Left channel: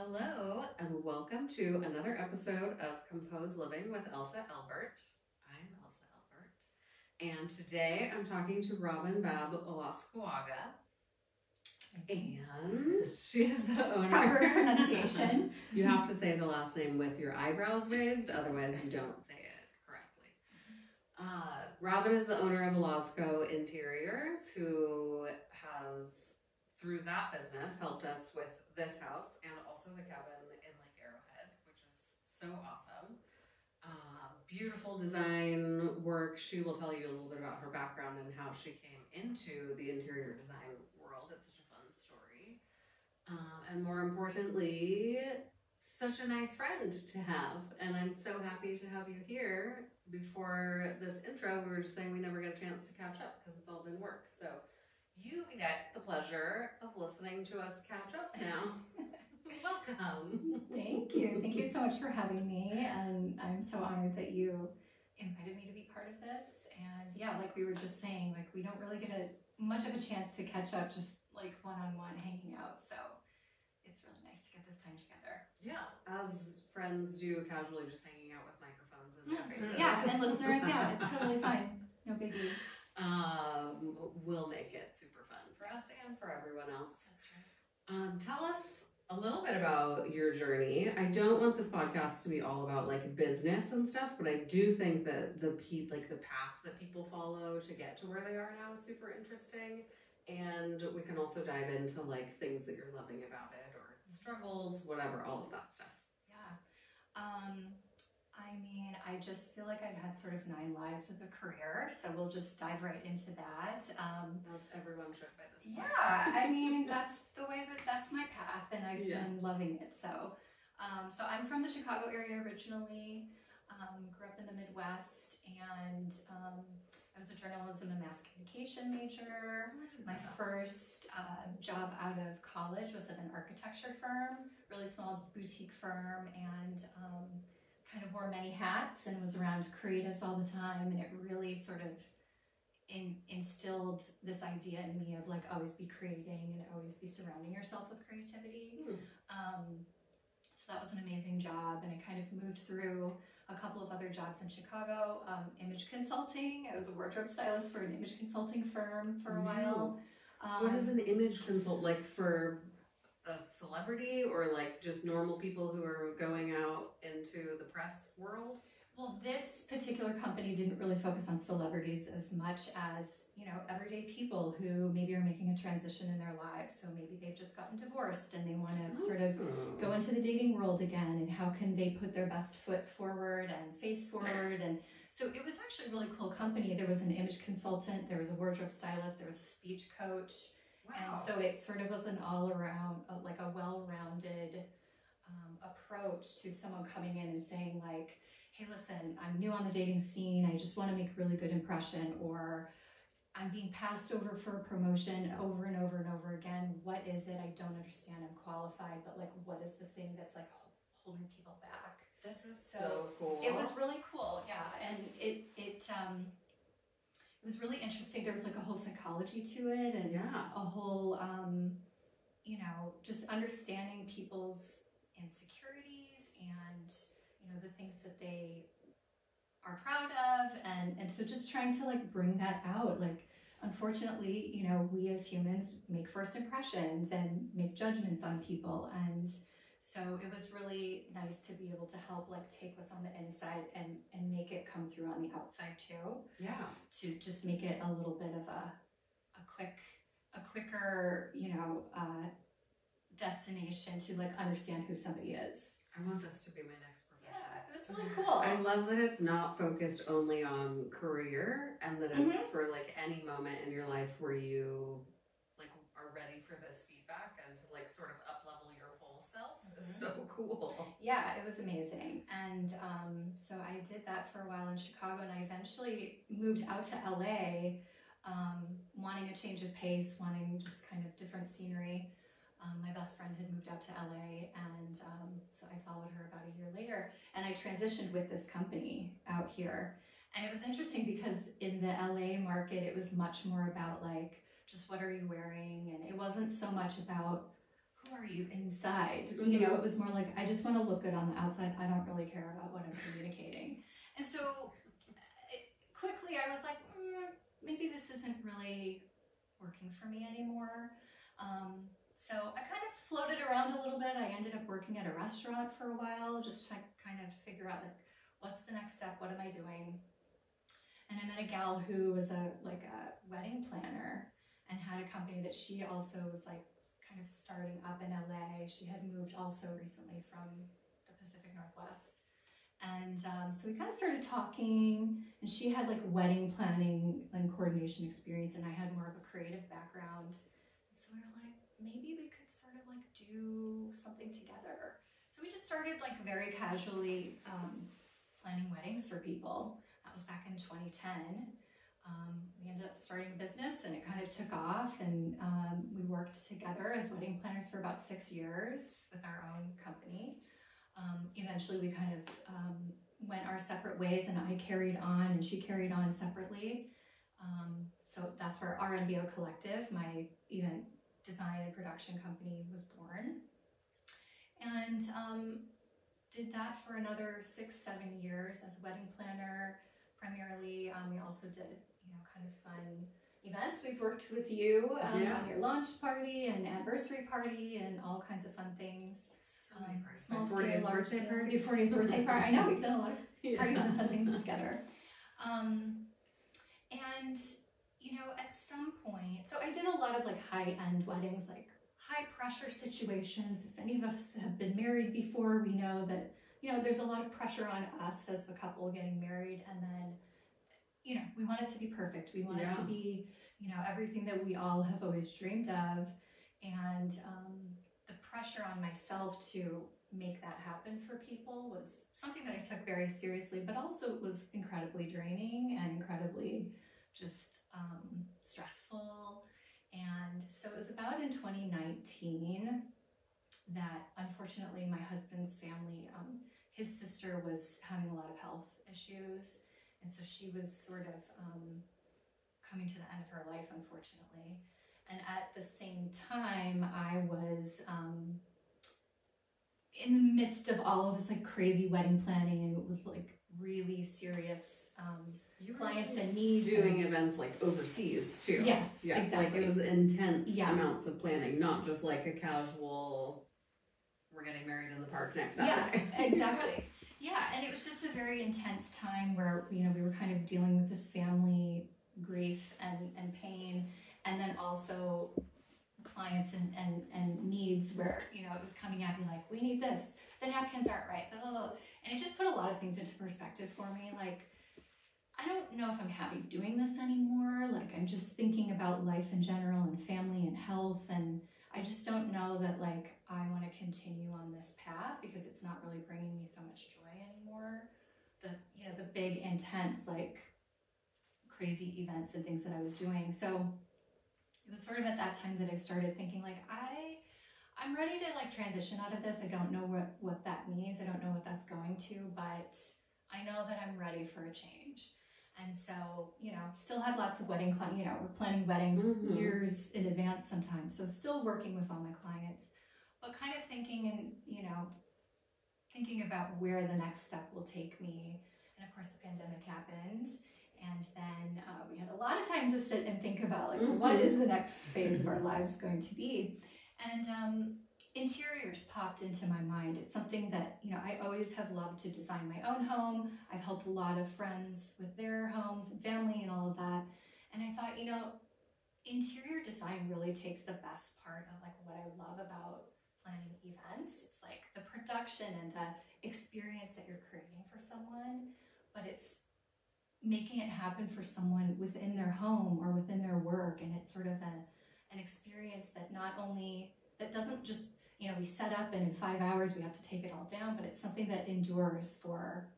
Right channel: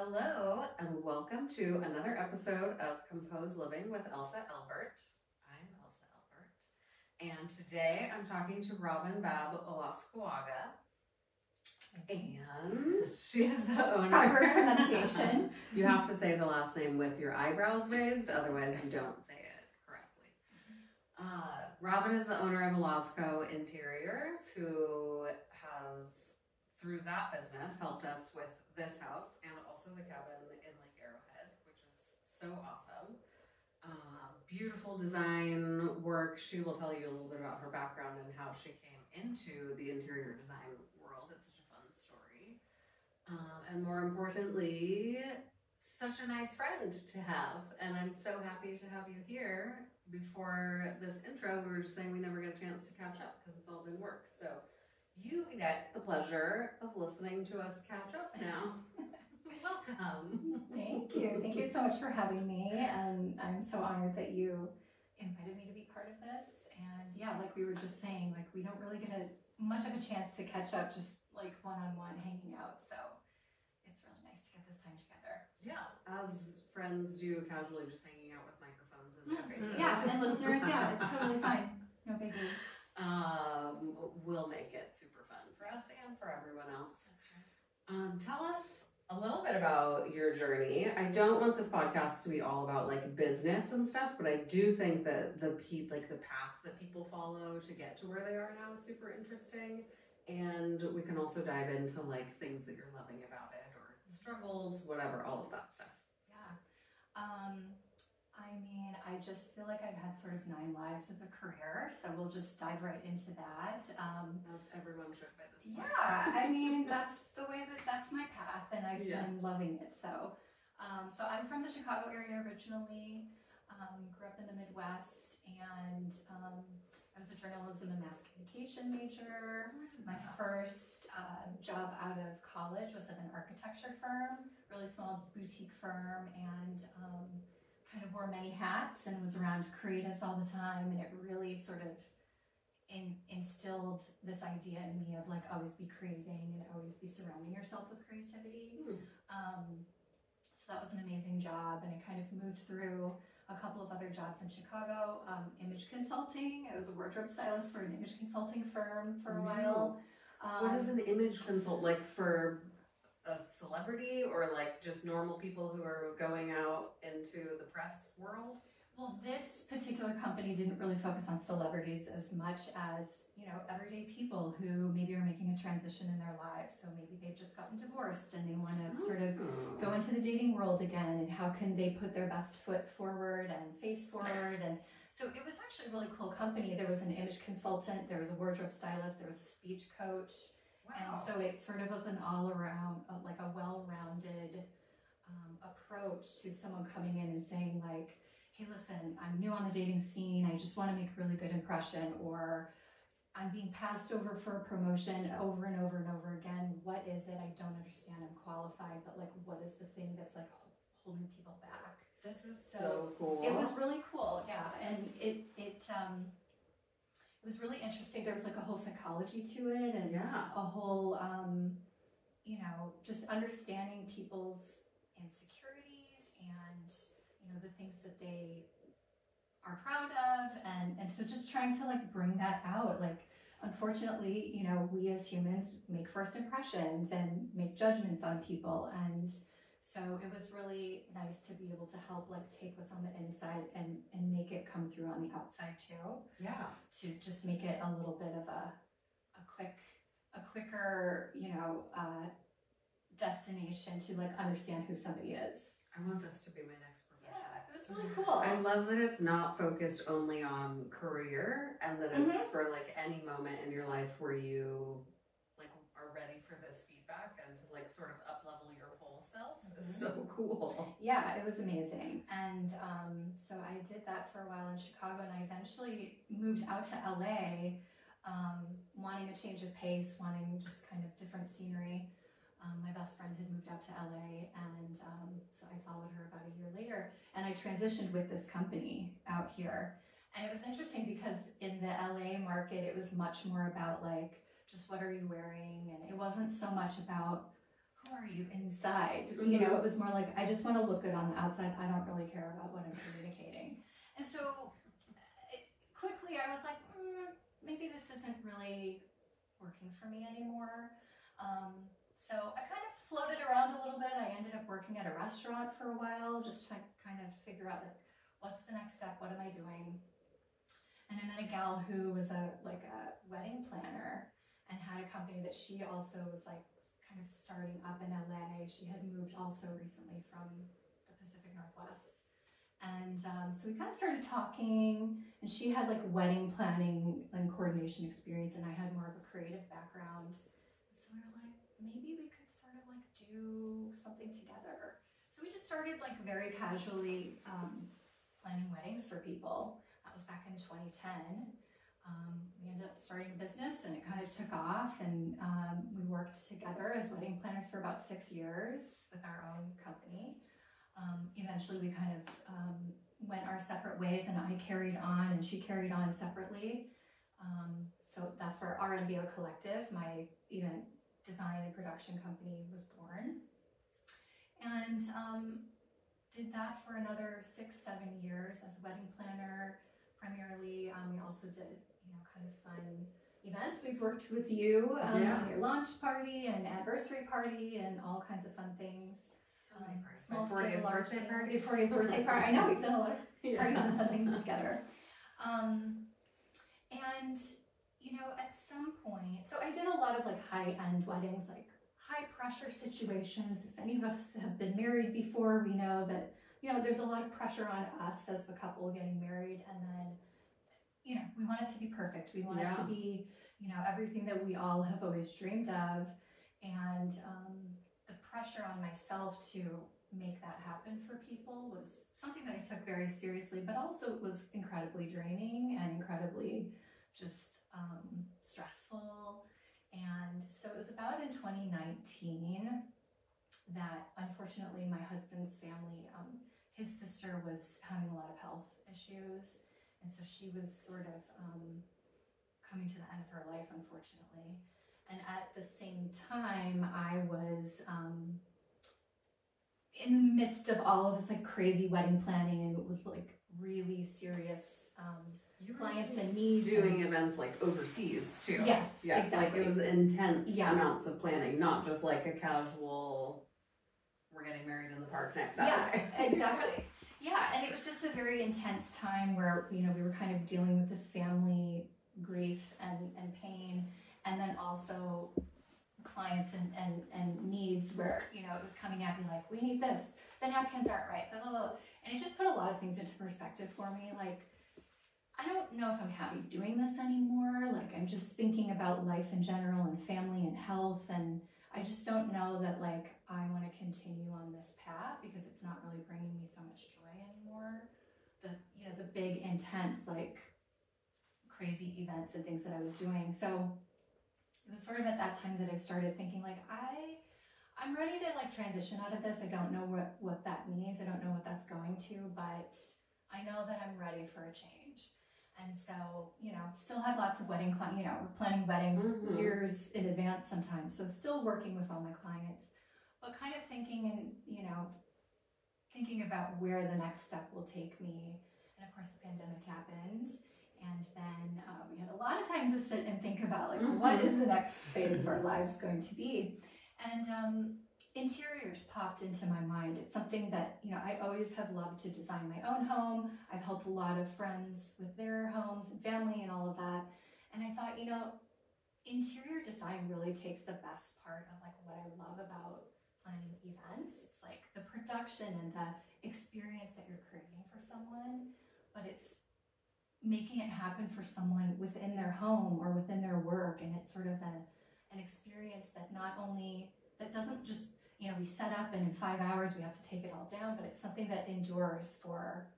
Hello and welcome to another episode of Composed Living with Elsa Albert. I'm Elsa Albert, and today I'm talking to Robin Baab Olascoaga, and she is the owner. Proper pronunciation. You have to say the last name with your eyebrows raised, otherwise you don't say it correctly. Robin is the owner of Olazko Interiors, who has, through that business, helped us with this house and also the cabin in Lake Arrowhead, which is so awesome. Beautiful design work. She will tell you a little bit about her background and how she came into the interior design world. It's such a fun story. And more importantly, such a nice friend to have. And I'm so happy to have you here. Before this intro, we were just saying we never get a chance to catch up because it's all been work. So you get the pleasure of listening to us catch up now. Welcome. Thank you. Thank you so much for having me. And I'm so honored that you invited me to be part of this. And yeah, like we were just saying, like we don't really get much of a chance to catch up just like one-on-one hanging out. So it's really nice to get this time together. Yeah, as friends do, casually just hanging out with microphones in their faces. Yeah, and listeners, yeah, it's totally fine. No biggie. We'll make it super fun for us and for everyone else. That's right. Tell us a little bit about your journey. I don't want this podcast to be all about like business and stuff, but I do think that the path that people follow to get to where they are now is super interesting. And we can also dive into like things that you're loving about it or struggles, whatever, all of that stuff. Yeah. I mean, I just feel like I've had sort of 9 lives of a career, so we'll just dive right into that. As everyone should by this point. Yeah, I mean, that's my path, and I've been loving it. So I'm from the Chicago area originally, grew up in the Midwest, and I was a journalism and mass communication major. My first job out of college was at an architecture firm, really small boutique firm, and kind of wore many hats and was around creatives all the time, and it really sort of instilled this idea in me of like always be creating and always be surrounding yourself with creativity. So that was an amazing job, and I kind of moved through a couple of other jobs in Chicago. Image consulting. I was a wardrobe stylist for an image consulting firm for a while. What is an image consult, like for a celebrity or like just normal people who are going out into the press world? Well, this particular company didn't really focus on celebrities as much as, you know, everyday people who maybe are making a transition in their lives. So maybe they've just gotten divorced and they want to sort of go into the dating world again, and how can they put their best foot forward and face forward. And so it was actually a really cool company. There was an image consultant, there was a wardrobe stylist, there was a speech coach. And so it sort of was an all-around, like a well-rounded approach to someone coming in and saying like, hey, listen, I'm new on the dating scene. I just want to make a really good impression, or I'm being passed over for a promotion over and over and over again. What is it? I don't understand. I'm qualified, but like, what is the thing that's like holding people back? This is so cool. It was really cool, yeah. And it was really interesting. There was like a whole psychology to it, and a whole, you know, just understanding people's insecurities and, you know, the things that they are proud of. And so just trying to like bring that out. Like, unfortunately, you know, we as humans make first impressions and make judgments on people. And so it was really nice to be able to help like take what's on the inside and make it come through on the outside too. Yeah. To just make it a little bit of a quicker, you know, destination to like understand who somebody is. I want this to be my next profession. Yeah, it was really cool. I love that it's not focused only on career, and that it's for like any moment in your life where you like are ready for this feedback and to like sort of up-level your whole self. It's so cool. Yeah, it was amazing. And so I did that for a while in Chicago, and I eventually moved out to LA, wanting a change of pace, wanting just kind of different scenery. My best friend had moved out to LA, and so I followed her about a year later, and I transitioned with this company out here. And it was interesting because in the LA market, it was much more about like, just what are you wearing? And it wasn't so much about who are you inside? You know, it was more like, I just want to look good on the outside. I don't really care about what I'm communicating. And so quickly I was like, maybe this isn't really working for me anymore. So I kind of floated around a little bit. I ended up working at a restaurant for a while, just to kind of figure out like, what's the next step? What am I doing? And I met a gal who was a wedding planner and had a company that she also was like kind of starting up in LA. She had moved also recently from the Pacific Northwest. And so we kind of started talking, and she had like wedding planning and coordination experience, and I had more of a creative background. So we were like, maybe we could sort of like do something together. So we just started like very casually planning weddings for people. That was back in 2010. We ended up starting a business, and it kind of took off, and we worked together as wedding planners for about 6 years with our own company. Eventually we kind of went our separate ways, and I carried on and she carried on separately. So that's where RMBO Collective, my event design and production company, was born. And did that for another 6-7 years as a wedding planner, primarily. We also did, you know, kind of fun events. We've worked with you on your launch party and anniversary party and all kinds of fun things. My 40th birthday party. Your 40th birthday party. I know, we've done a lot of parties and fun things together. And, you know, at some point, so I did a lot of like high-end weddings, like high-pressure situations. If any of us have been married before, we know that, you know, there's a lot of pressure on us as the couple getting married, and then, you know, we want it to be perfect. We want it to be, you know, everything that we all have always dreamed of. And the pressure on myself to make that happen for people was something that I took very seriously, but also it was incredibly draining and incredibly just stressful. And so it was about in 2019 that unfortunately my husband's family, his sister was having a lot of health issues, and so she was sort of coming to the end of her life, unfortunately. And at the same time, I was in the midst of all of this like crazy wedding planning, and it was like really serious clients and needs. Doing events like overseas too. Yes, yeah, exactly. Like it was intense amounts of planning, not just like a casual, we're getting married in the park next Saturday. Yeah, exactly. Yeah, and it was just a very intense time where, you know, we were kind of dealing with this family grief and pain, and then also clients and needs where, you know, it was coming at me like, we need this, the napkins aren't right, blah, blah, blah. And it just put a lot of things into perspective for me. Like, I don't know if I'm happy doing this anymore. Like, I'm just thinking about life in general and family and health, and I just don't know that like I want to continue on this path because it's not really bringing me so much joy anymore. The, you know, the big intense like crazy events and things that I was doing. So it was sort of at that time that I started thinking like, I'm ready to like transition out of this. I don't know what that means. I don't know what that's going to, but I know that I'm ready for a change. And so, you know, still had lots of wedding clients, you know, we're planning weddings years in advance sometimes. So still working with all my clients, but kind of thinking and, you know, thinking about where the next step will take me. And of course the pandemic happened. And then we had a lot of time to sit and think about like, what is the next phase of our lives going to be? And interiors popped into my mind. It's something that, you know, I always have loved to design my own home. I've helped a lot of friends with their homes and family and all of that. And I thought, you know, interior design really takes the best part of like what I love about planning events. It's like the production and the experience that you're creating for someone, but it's making it happen for someone within their home or within their work. And it's sort of an experience that not only, that doesn't just, you know, we set up and in 5 hours we have to take it all down, but it's something that endures for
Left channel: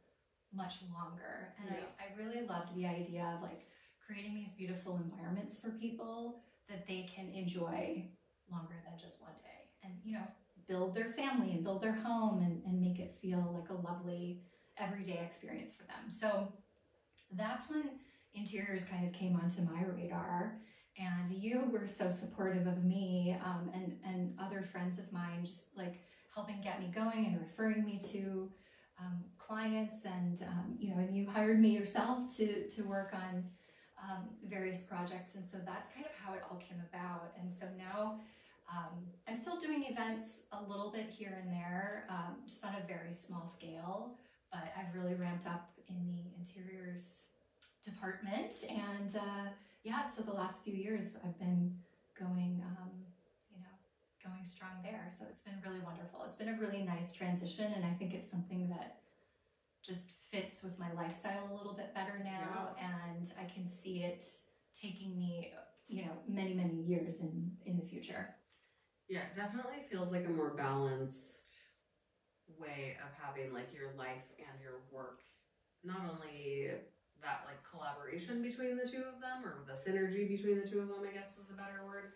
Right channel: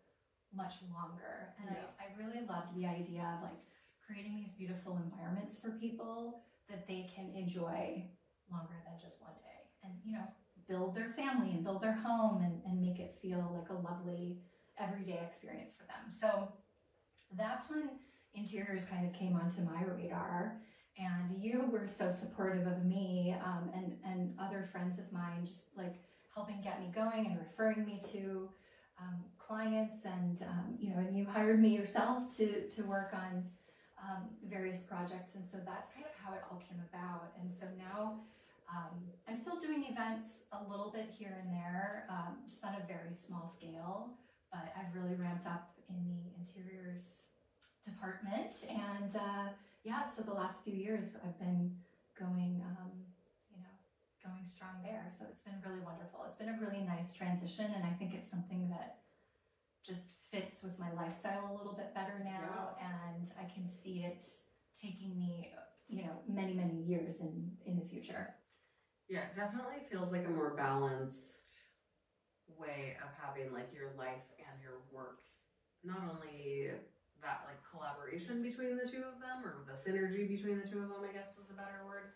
much longer. And I really loved the idea of like creating these beautiful environments for people that they can enjoy longer than just one day, and, you know, build their family and build their home and make it feel like a lovely everyday experience for them. So that's when interiors kind of came onto my radar. And you were so supportive of me and other friends of mine, just like helping get me going and referring me to clients. And, and you hired me yourself to work on various projects. And so that's kind of how it all came about. And so now I'm still doing events a little bit here and there, just on a very small scale, but I've really ramped up in the interiors department. And yeah, so the last few years I've been going, going strong there. So it's been really wonderful. It's been a really nice transition. And I think it's something that just fits with my lifestyle a little bit better now. Yeah. And I can see it taking me, many, many years in the future. Yeah, it definitely feels like a more balanced way of having like your life and your work. Not only that like collaboration between the two of them, or the synergy between the two of them, I guess is a better word.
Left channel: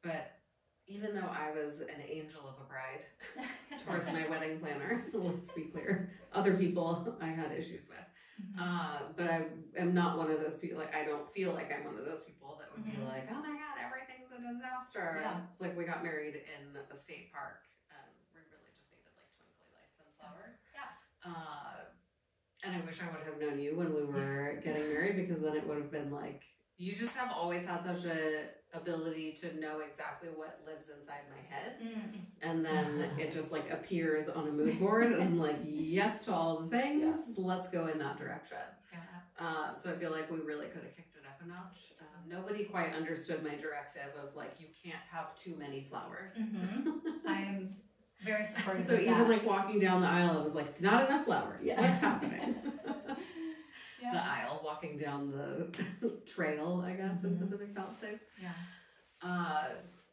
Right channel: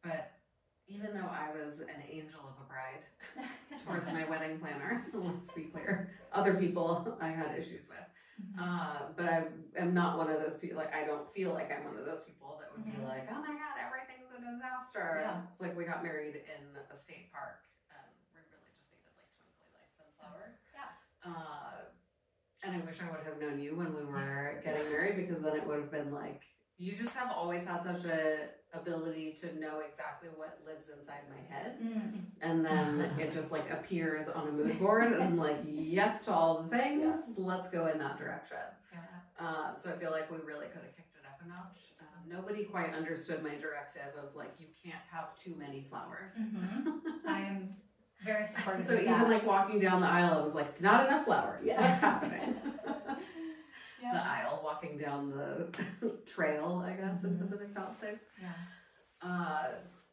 But even though I was an angel of a bride towards my wedding planner, let's be clear, other people I had issues with. But I am not one of those people, like I don't feel like I'm one of those people that would be like, oh my God, everything's a disaster. Yeah. It's like we got married in a state park. We really just needed like twinkly lights and flowers. Yeah. And I wish I would have known you when we were getting married, because then it would have been like, you just have always had such a ability to know exactly what lives inside my head. And then it just like appears on a mood board and I'm like, yes to all the things, let's go in that direction. Yeah. So I feel like we really could have kicked it up a notch. Nobody quite understood my directive of like, you can't have too many flowers. I'm very supportive so of even that. like walking down the aisle, I was like, it's not enough flowers. Yeah. What's happening? The aisle, walking down the trail, I guess, in Pacific Palisades. Yeah.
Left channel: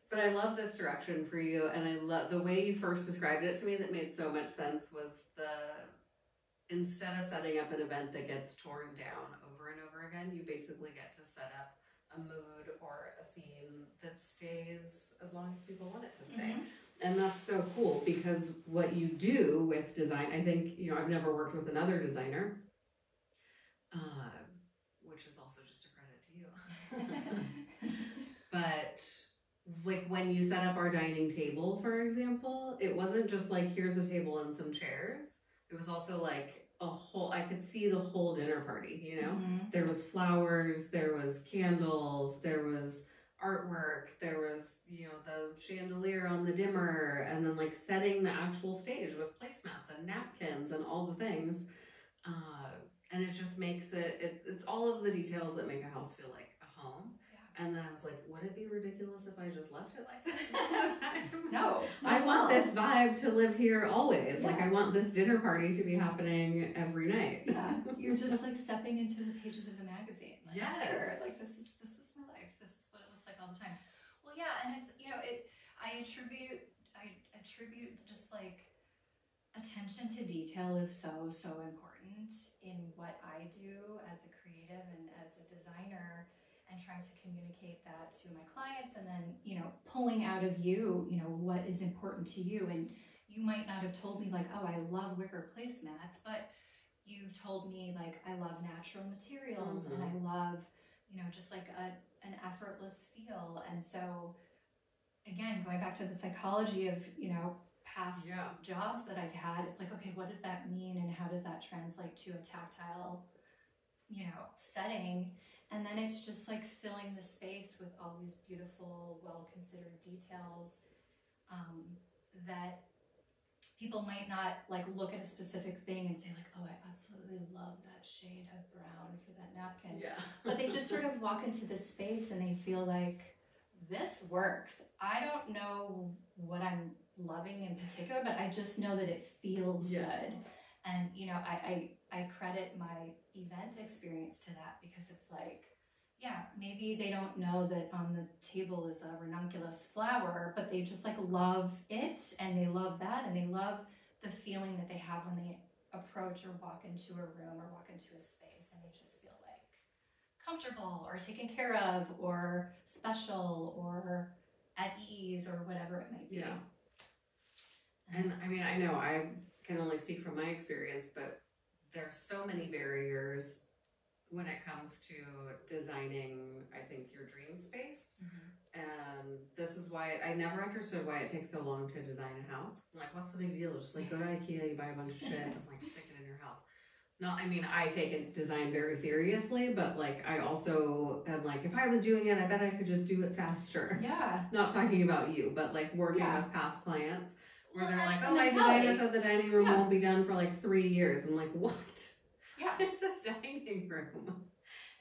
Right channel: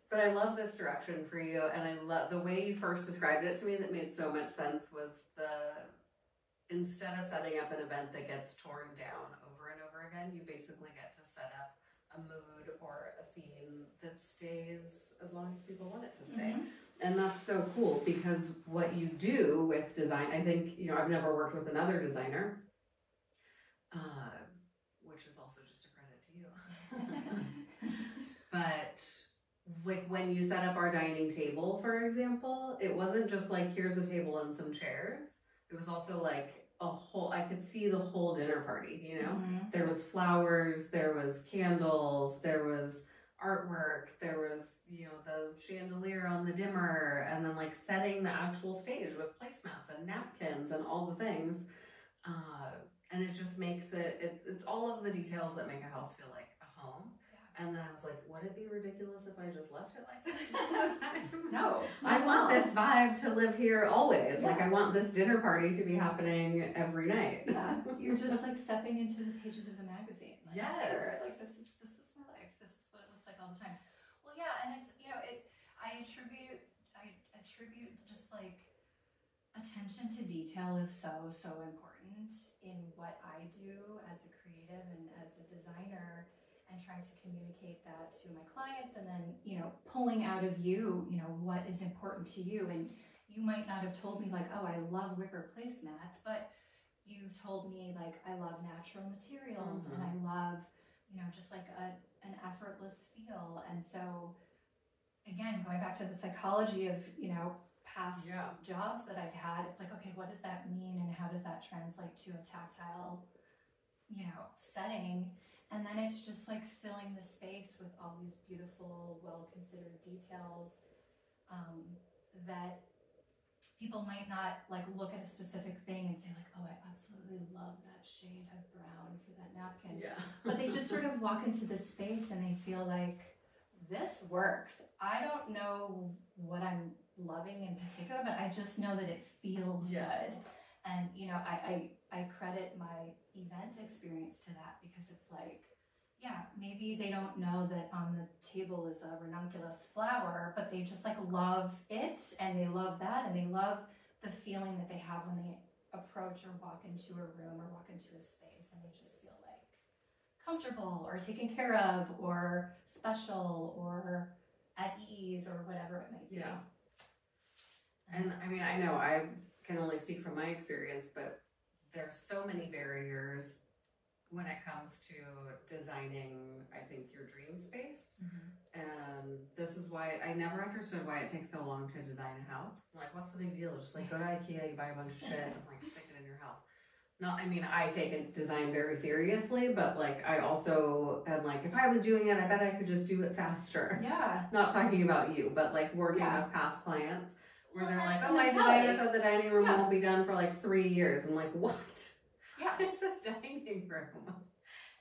But I love this direction for you, and I love the way you first described it to me. That made so much sense. Was instead of setting up an event that gets torn down over and over again, you basically get to set up a mood or a scene that stays as long as people want it to stay. And that's so cool, because what you do with design, I think, I've never worked with another designer. Which is also just a credit to you. But when you set up our dining table, for example, it wasn't just like, here's a table and some chairs. It was also like I could see the whole dinner party, There was flowers, there was candles, there was artwork, there was, the chandelier on the dimmer, and then like setting the actual stage with placemats and napkins and all the things. And it just makes it's all of the details that make a house feel like a home. Yeah. And then I was like, would it be ridiculous if I just left it like this all the time? No. I want this vibe to live here always. Yeah. Like I want this dinner party to be happening every night. Yeah. You're just like stepping into the pages of a magazine. Like, yes. Like this is my life. This is what it looks like all the time. Well, yeah, and it's I attribute just like attention to detail is so important in what I do as a creative and as a designer, and trying to communicate that to my clients, and then pulling out of you what is important to you. And you might not have told me like, oh, I love wicker placemats, but you've told me like, I love natural materials, and I love just like an effortless feel. And so again, going back to the psychology of past jobs that I've had, it's like, okay, what does that mean, and how does that translate to a tactile setting? And then it's just like filling the space with all these beautiful, well-considered details that people might not like look at a specific thing and say like, oh, I absolutely love that shade of brown for that napkin. Yeah. But they just sort of walk into the space and they feel like, this works. I don't know what I'm loving in particular, but I just know that it feels good. And I credit my event experience to that, because it's like, maybe they don't know that on the table is a ranunculus flower, but they just like love it, and they love that, and they love the feeling that they have when they approach or walk into a room or walk into a space, and they just feel like comfortable or taken care of or special or at ease or whatever it might be. Yeah. And I mean, I know I can only speak from my experience, but there's so many barriers when it comes to designing, I think, your dream space. And this is why I never understood why it takes so long to design a house. Like, what's the big deal? Just like go to IKEA, you buy a bunch of shit and like stick it in your house. Not, I mean, I take design very seriously, but like I also am like, if I was doing it, I bet I could just do it faster. Yeah. Not talking about you, but like working with past clients where they're like, oh, my designer said the dining room won't be done for like 3 years. I'm like, what? Yeah. It's a dining room.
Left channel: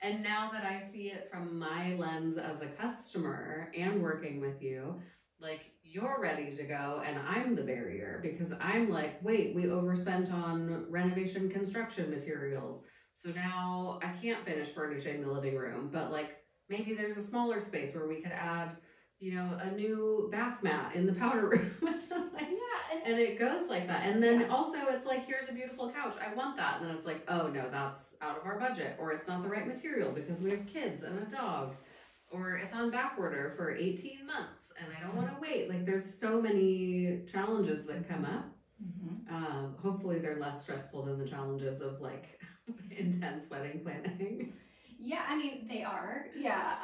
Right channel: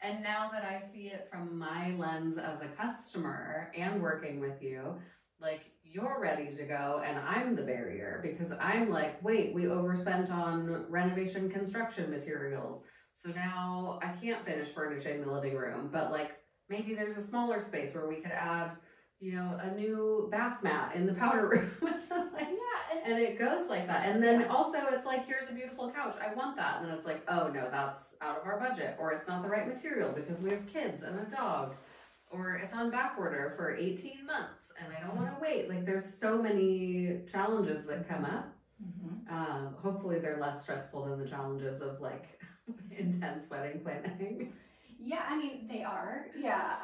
And now that I see it from my lens as a customer and working with you, like you're ready to go and I'm the barrier because I'm like, wait, we overspent on renovation construction materials. So now I can't finish furnishing the living room, but like maybe there's a smaller space where we could add, you know, a new bath mat in the powder room. Like, and it goes like that. And then also it's like, here's a beautiful couch. I want that. And then it's like, oh no, that's out of our budget. Or it's not the right material because we have kids and a dog. Or it's on back order for 18 months and I don't want to wait. Like there's so many challenges that come up. Hopefully they're less stressful than the challenges of like intense wedding planning. Yeah, I mean, they are. Yeah.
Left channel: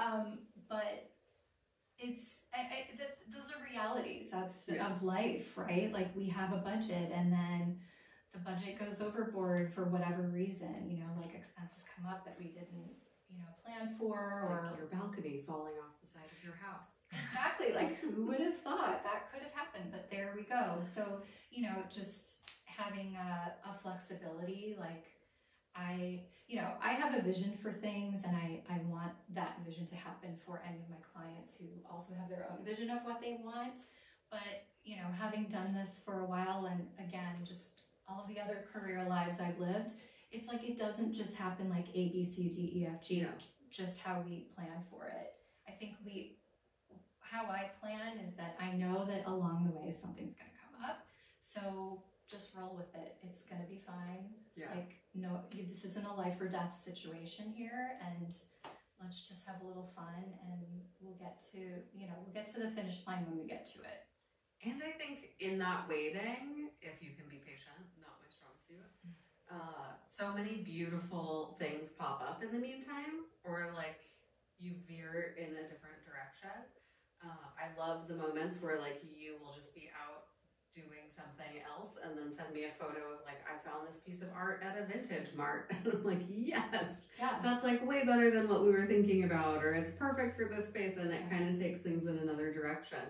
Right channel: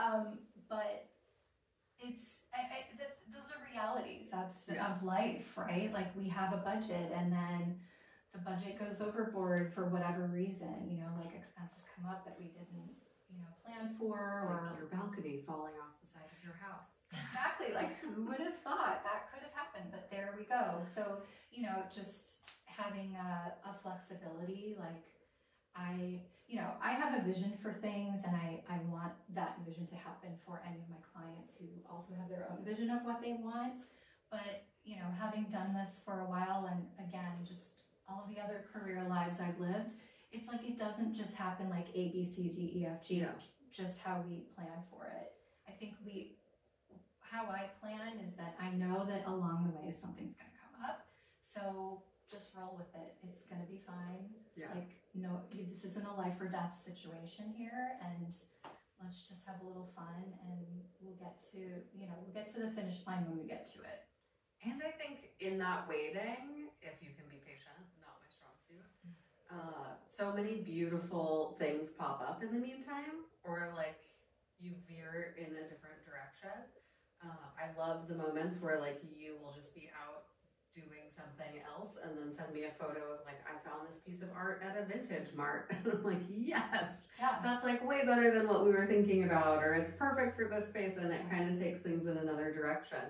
But it's, those are realities of life, right? Like we have a budget and then the budget goes overboard for whatever reason, you know, like expenses come up that we didn't, you know, plan for, or like your balcony falling off the side of your house. Exactly. Like who would have thought that could have happened, but there we go. So, you know, just having a flexibility, like I have a vision for things and I want that vision to happen for any of my clients who also have their own vision of what they want. But, you know, having done this for a while and again, just all of the other career lives I've lived, it's like it doesn't just happen like A, B, C, D, E, F, G, just how we plan for it. I think how I plan is that I know that along the way something's going to come up. So just roll with it. It's going to be fine. Yeah. Like, no, this isn't a life or death situation here. And let's just have a little fun and we'll get to the finish line when we get to it. And I think in that waiting, if you can be patient, not my strong suit, so many beautiful things pop up in the meantime, or like you veer in a different direction. I love the moments where like you will just be out doing something else and then send me a photo of like, I found this piece of art at a vintage mart. And I'm like, yes, that's like way better than what we were thinking about, or it's perfect for this space, and it kind of takes things in another direction.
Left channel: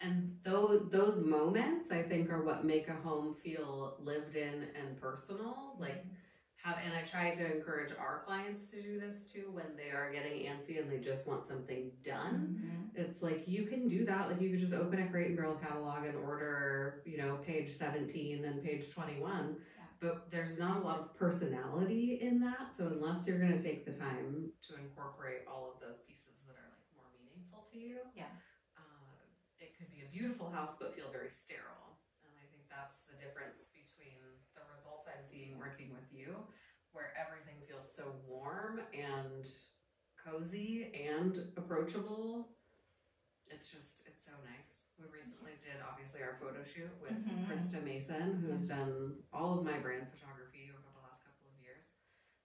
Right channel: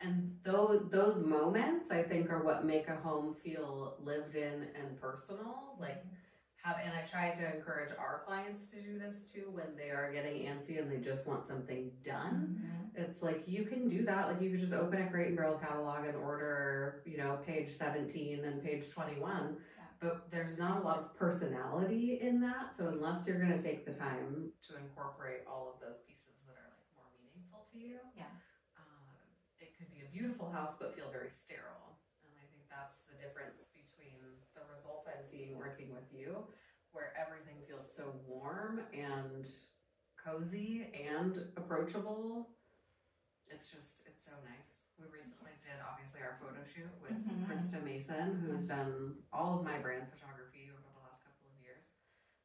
And those moments, I think, are what make a home feel lived in and personal. Like and I try to encourage our clients to do this too when they are getting antsy and they just want something done. It's like, you can do that. Like you could just open a Crate and Barrel catalog and order, you know, page 17 and page 21. But there's not a lot of personality in that. So unless you're going to take the time to incorporate all of those pieces that are like more meaningful to you, it could be a beautiful house but feel very sterile. And I think that's the difference between the results I'm seeing working with you, where everything feels so warm and cozy and approachable. It's so nice. We recently did obviously our photo shoot with Krista Mason, who's done all of my brand photography over the last couple of years.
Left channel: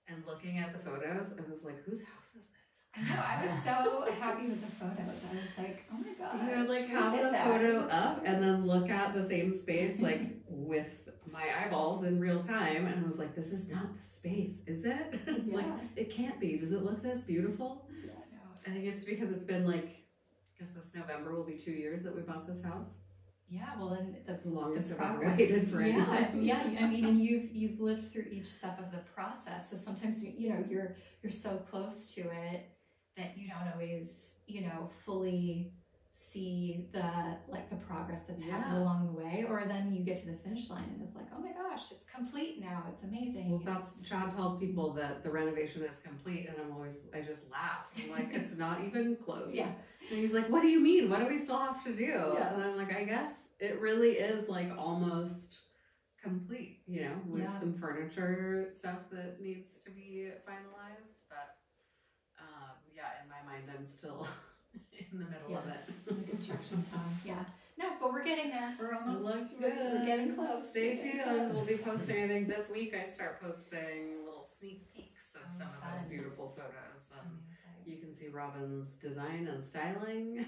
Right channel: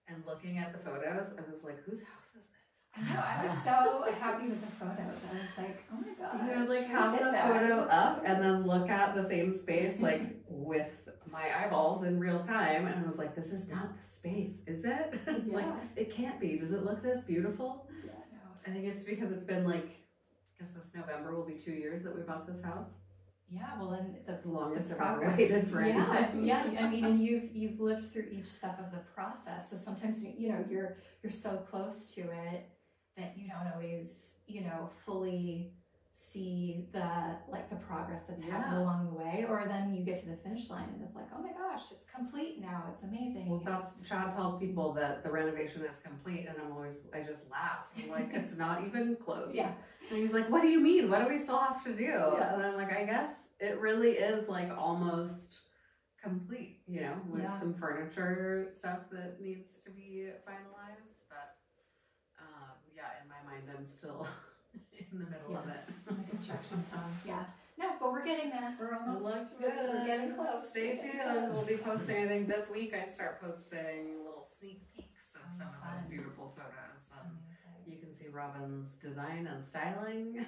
And looking at the photos, I was like, whose house is this? I know, I was so happy with the photos. I was like, oh my god. You know, like have the photo up and then look at the same space like with my eyeballs in real time, and I was like, this is not the space, is it? It's like, it can't be. Does it look this beautiful? Yeah, no. I think it's because it's been like, I guess this November will be 2 years that we bought this house. Yeah, well, and the longest I've ever waited for anything. Yeah, I mean, and you've lived through each step of the process. So sometimes you're so close to it that you don't always fully see the progress that's happened along the way, or then you get to the finish line and it's like, oh my gosh, it's complete now. It's amazing. Well, Chad tells people that the renovation is complete, and I just laugh. I'm like, it's not even close. Yeah. And he's like, what do you mean? What do we still have to do? Yeah. And I'm like, I guess it really is like almost complete, with some furniture stuff that needs to be finalized. But in my mind, I'm still in the middle of it. Construction time. Yeah. No, but we're getting there. We're almost. We're getting close. Stay tuned. We'll be posting. I think this week I start posting little sneak peeks of some of those beautiful photos. You can see Robin's design and styling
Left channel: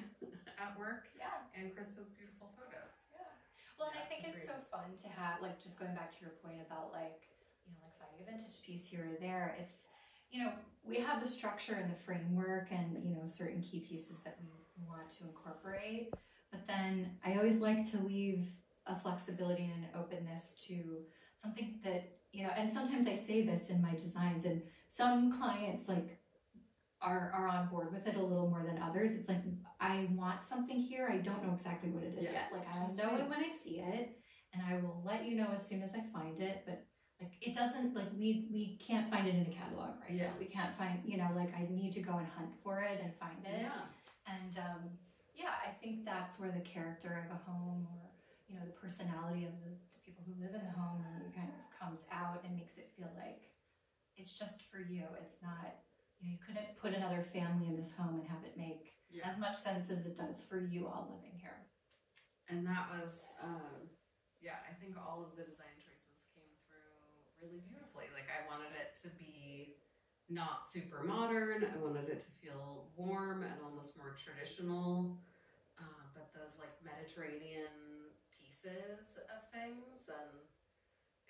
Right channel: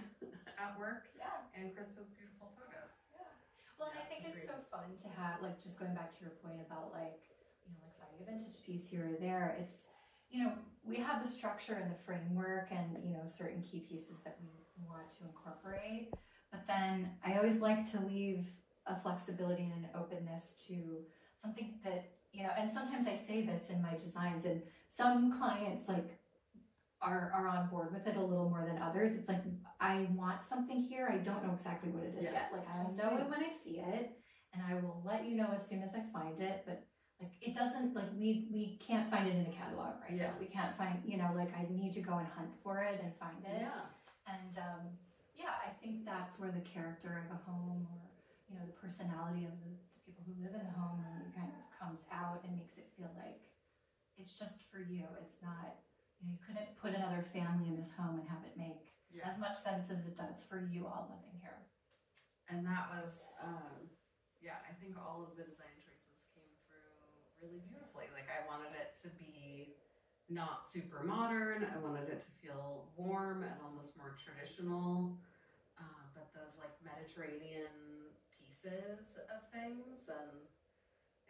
at work. Yeah. And Krista's beautiful photos. Yeah. Well, and I think it's so fun to have, like, just going back to your point about, like, you know, like finding a vintage piece here or there. It's, you know, we have the structure and the framework and, you know, certain key pieces that we want to incorporate. But then I always like to leave a flexibility and an openness to something that, you know, and sometimes I say this in my designs, and some clients, like, are on board with it a little more than others. It's like, I want something here. I don't know exactly what it is yet. Like, I'll know it when I see it, and I will let you know as soon as I find it. But like, it doesn't, like, we can't find it in a catalog right now. We can't find, you know, like, I need to go and hunt for it and find it. And yeah, I think that's where the character of a home, or, you know, the personality of the people who live in the home kind of comes out and makes it feel like it's just for you. It's not, you know, you couldn't put another family in this home and have it make as much sense as it does for you all living here. And that was, I think all of the design choices came through really beautifully. Like, I wanted it to be not super modern. I wanted it to feel warm and almost more traditional. But those, like, Mediterranean pieces of things, and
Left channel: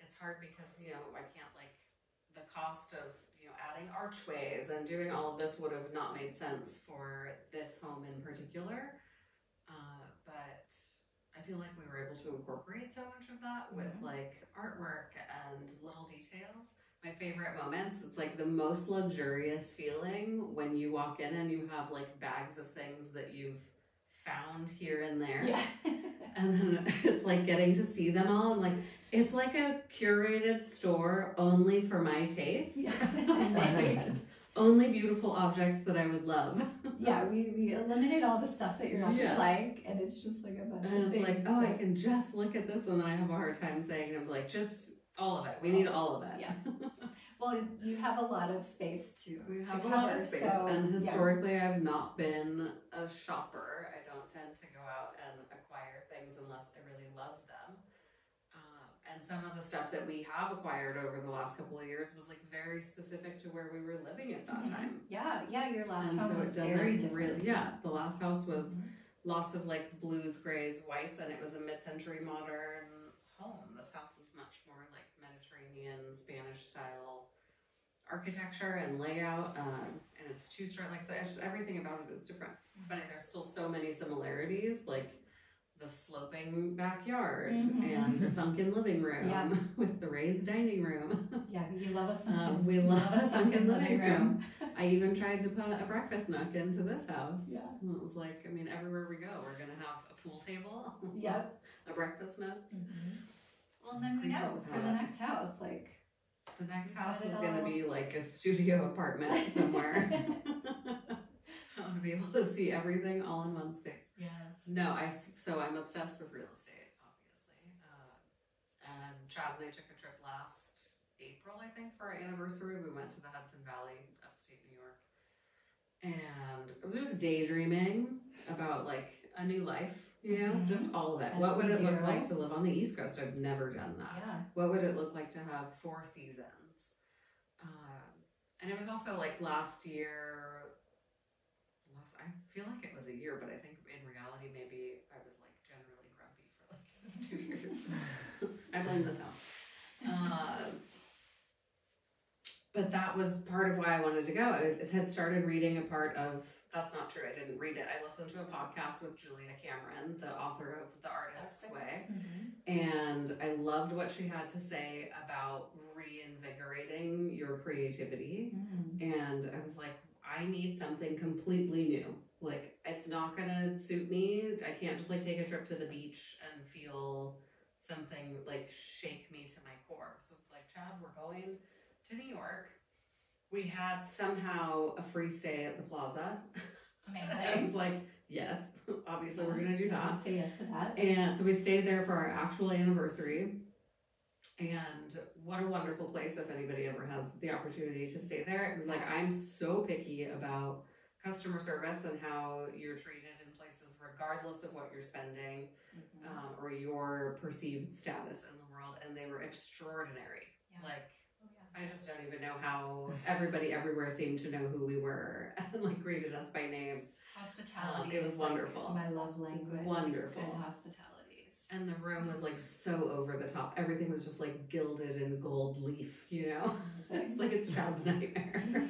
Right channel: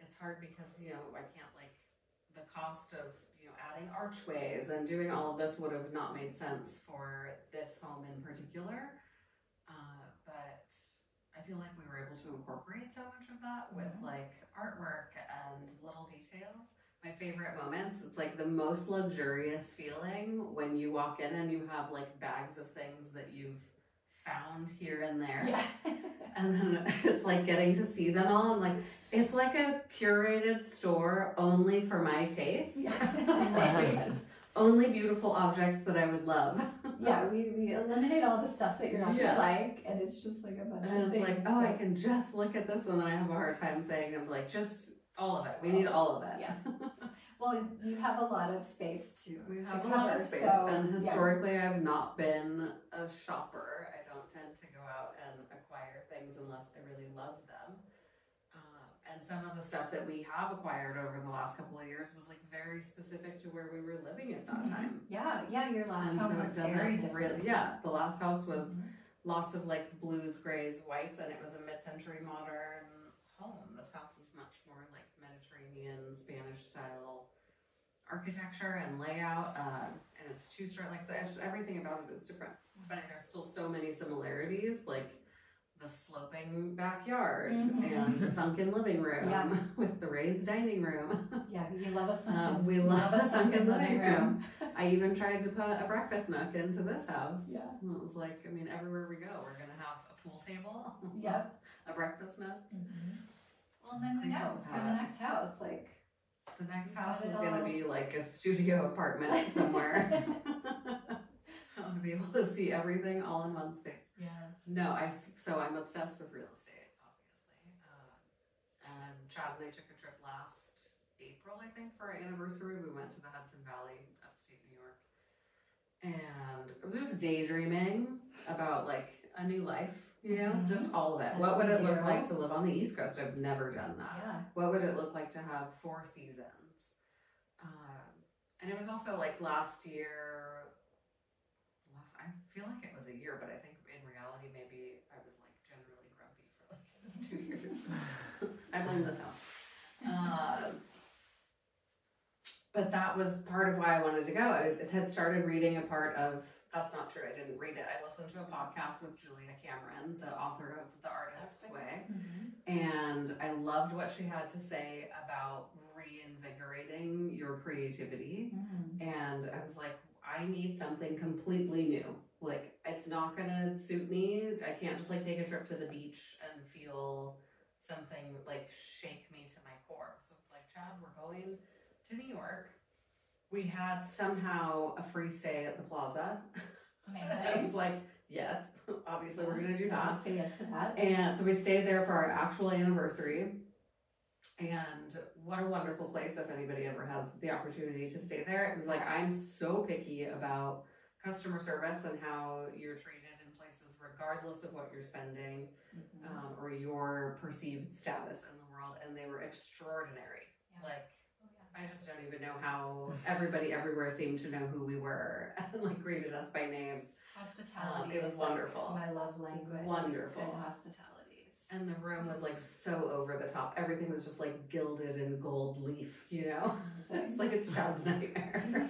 it's hard because, you know, I can't, like, the cost of, adding archways and doing all of this would have not made sense for this home in particular. But I feel like we were able to incorporate so much of that with like artwork and little details. My favorite moments, it's like the most luxurious feeling when you walk in and you have like bags of things that you've found here and there. And then it's like getting to see them all, and like, it's like a curated store only for my taste. Like, only beautiful objects that I would love. We eliminate all the stuff that you're not gonna like, and it's just like a bunch of things. And it's like, oh, I can just look at this, and then I have a hard time saying, I'm like, just all of it. We need all of it. Well, you have a lot of space to have to a lot of cover, space, so, and historically I've not been a shopper. I don't tend to go out and acquire things unless I really love them. And some of the stuff that we have acquired over the last couple of years was like very specific to where we were living at that time. Your last home was very different. The last house was lots of like blues, grays, whites, and it was a mid-century modern home. This house is much more like Mediterranean, Spanish style architecture and layout, and it's two-story. Like, everything about it is different. It's funny, there's still so many similarities, like the sloping backyard and the sunken living room with the raised dining room. We love a sunken. We love a sunken living room. I even tried to put a breakfast nook into this house. And it was like, I mean, everywhere we go, we're gonna have a pool table. A breakfast nook. Well, then we know for the next house, like. The next house is going to be like a studio apartment somewhere. I want to be able to see everything all in one space. No, so I'm obsessed with real estate, obviously. And Chad and I took a trip last April, I think, for our anniversary. We went to the Hudson Valley, upstate New York. And I was just daydreaming about like a new life. You know, just all of it. What would it look like to live on the East Coast? I've never done that. What would it look like to have 4 seasons? And it was also like last year, I feel like it was a year, but I think in reality, maybe I was like generally grumpy for like 2 years. I blame this house. But that was part of why I wanted to go. I had started reading a part of, that's not true, I didn't read it. I listened to a podcast with Julia Cameron, the author of The Artist's Way. And I loved what she had to say about reinvigorating your creativity. And I was like, I need something completely new. Like, it's not gonna suit me. I can't just like take a trip to the beach and feel something like shake me to my core. So it's like, Chad, we're going to New York. We had somehow a free stay at the Plaza. Amazing. I was like, yes, obviously we're gonna do that. Say yes to that. And so we stayed there for our actual anniversary. And what a wonderful place if anybody ever has the opportunity to stay there. It was like, I'm so picky about customer service and how you're treated in places regardless of what you're spending or your perceived status in the world. And they were extraordinary. Like, I just don't even know how everybody everywhere seemed to know who we were and like greeted us by name. Hospitality. It was wonderful. My love language. Wonderful. Good hospitalities. And the room was like so over the top. Everything was just like gilded in gold leaf, you know? It's like it's child's nightmare.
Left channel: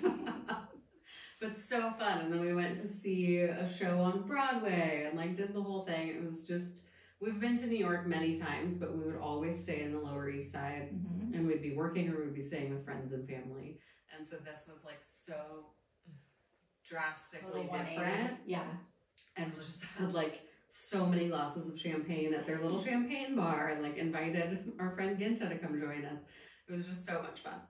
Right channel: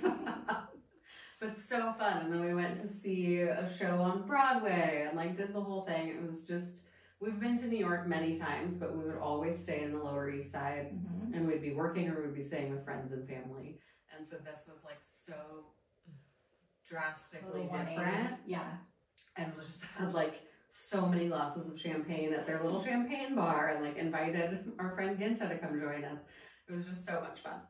But so fun. And then we went to see a show on Broadway and like did the whole thing. It was just, we've been to New York many times, but we would always stay in the Lower East Side and we'd be working or we'd be staying with friends and family. And so this was like so drastically different. Yeah. And we just had like so many glasses of champagne at their little champagne bar and like invited our friend Ginta to come join us. It was just so much fun.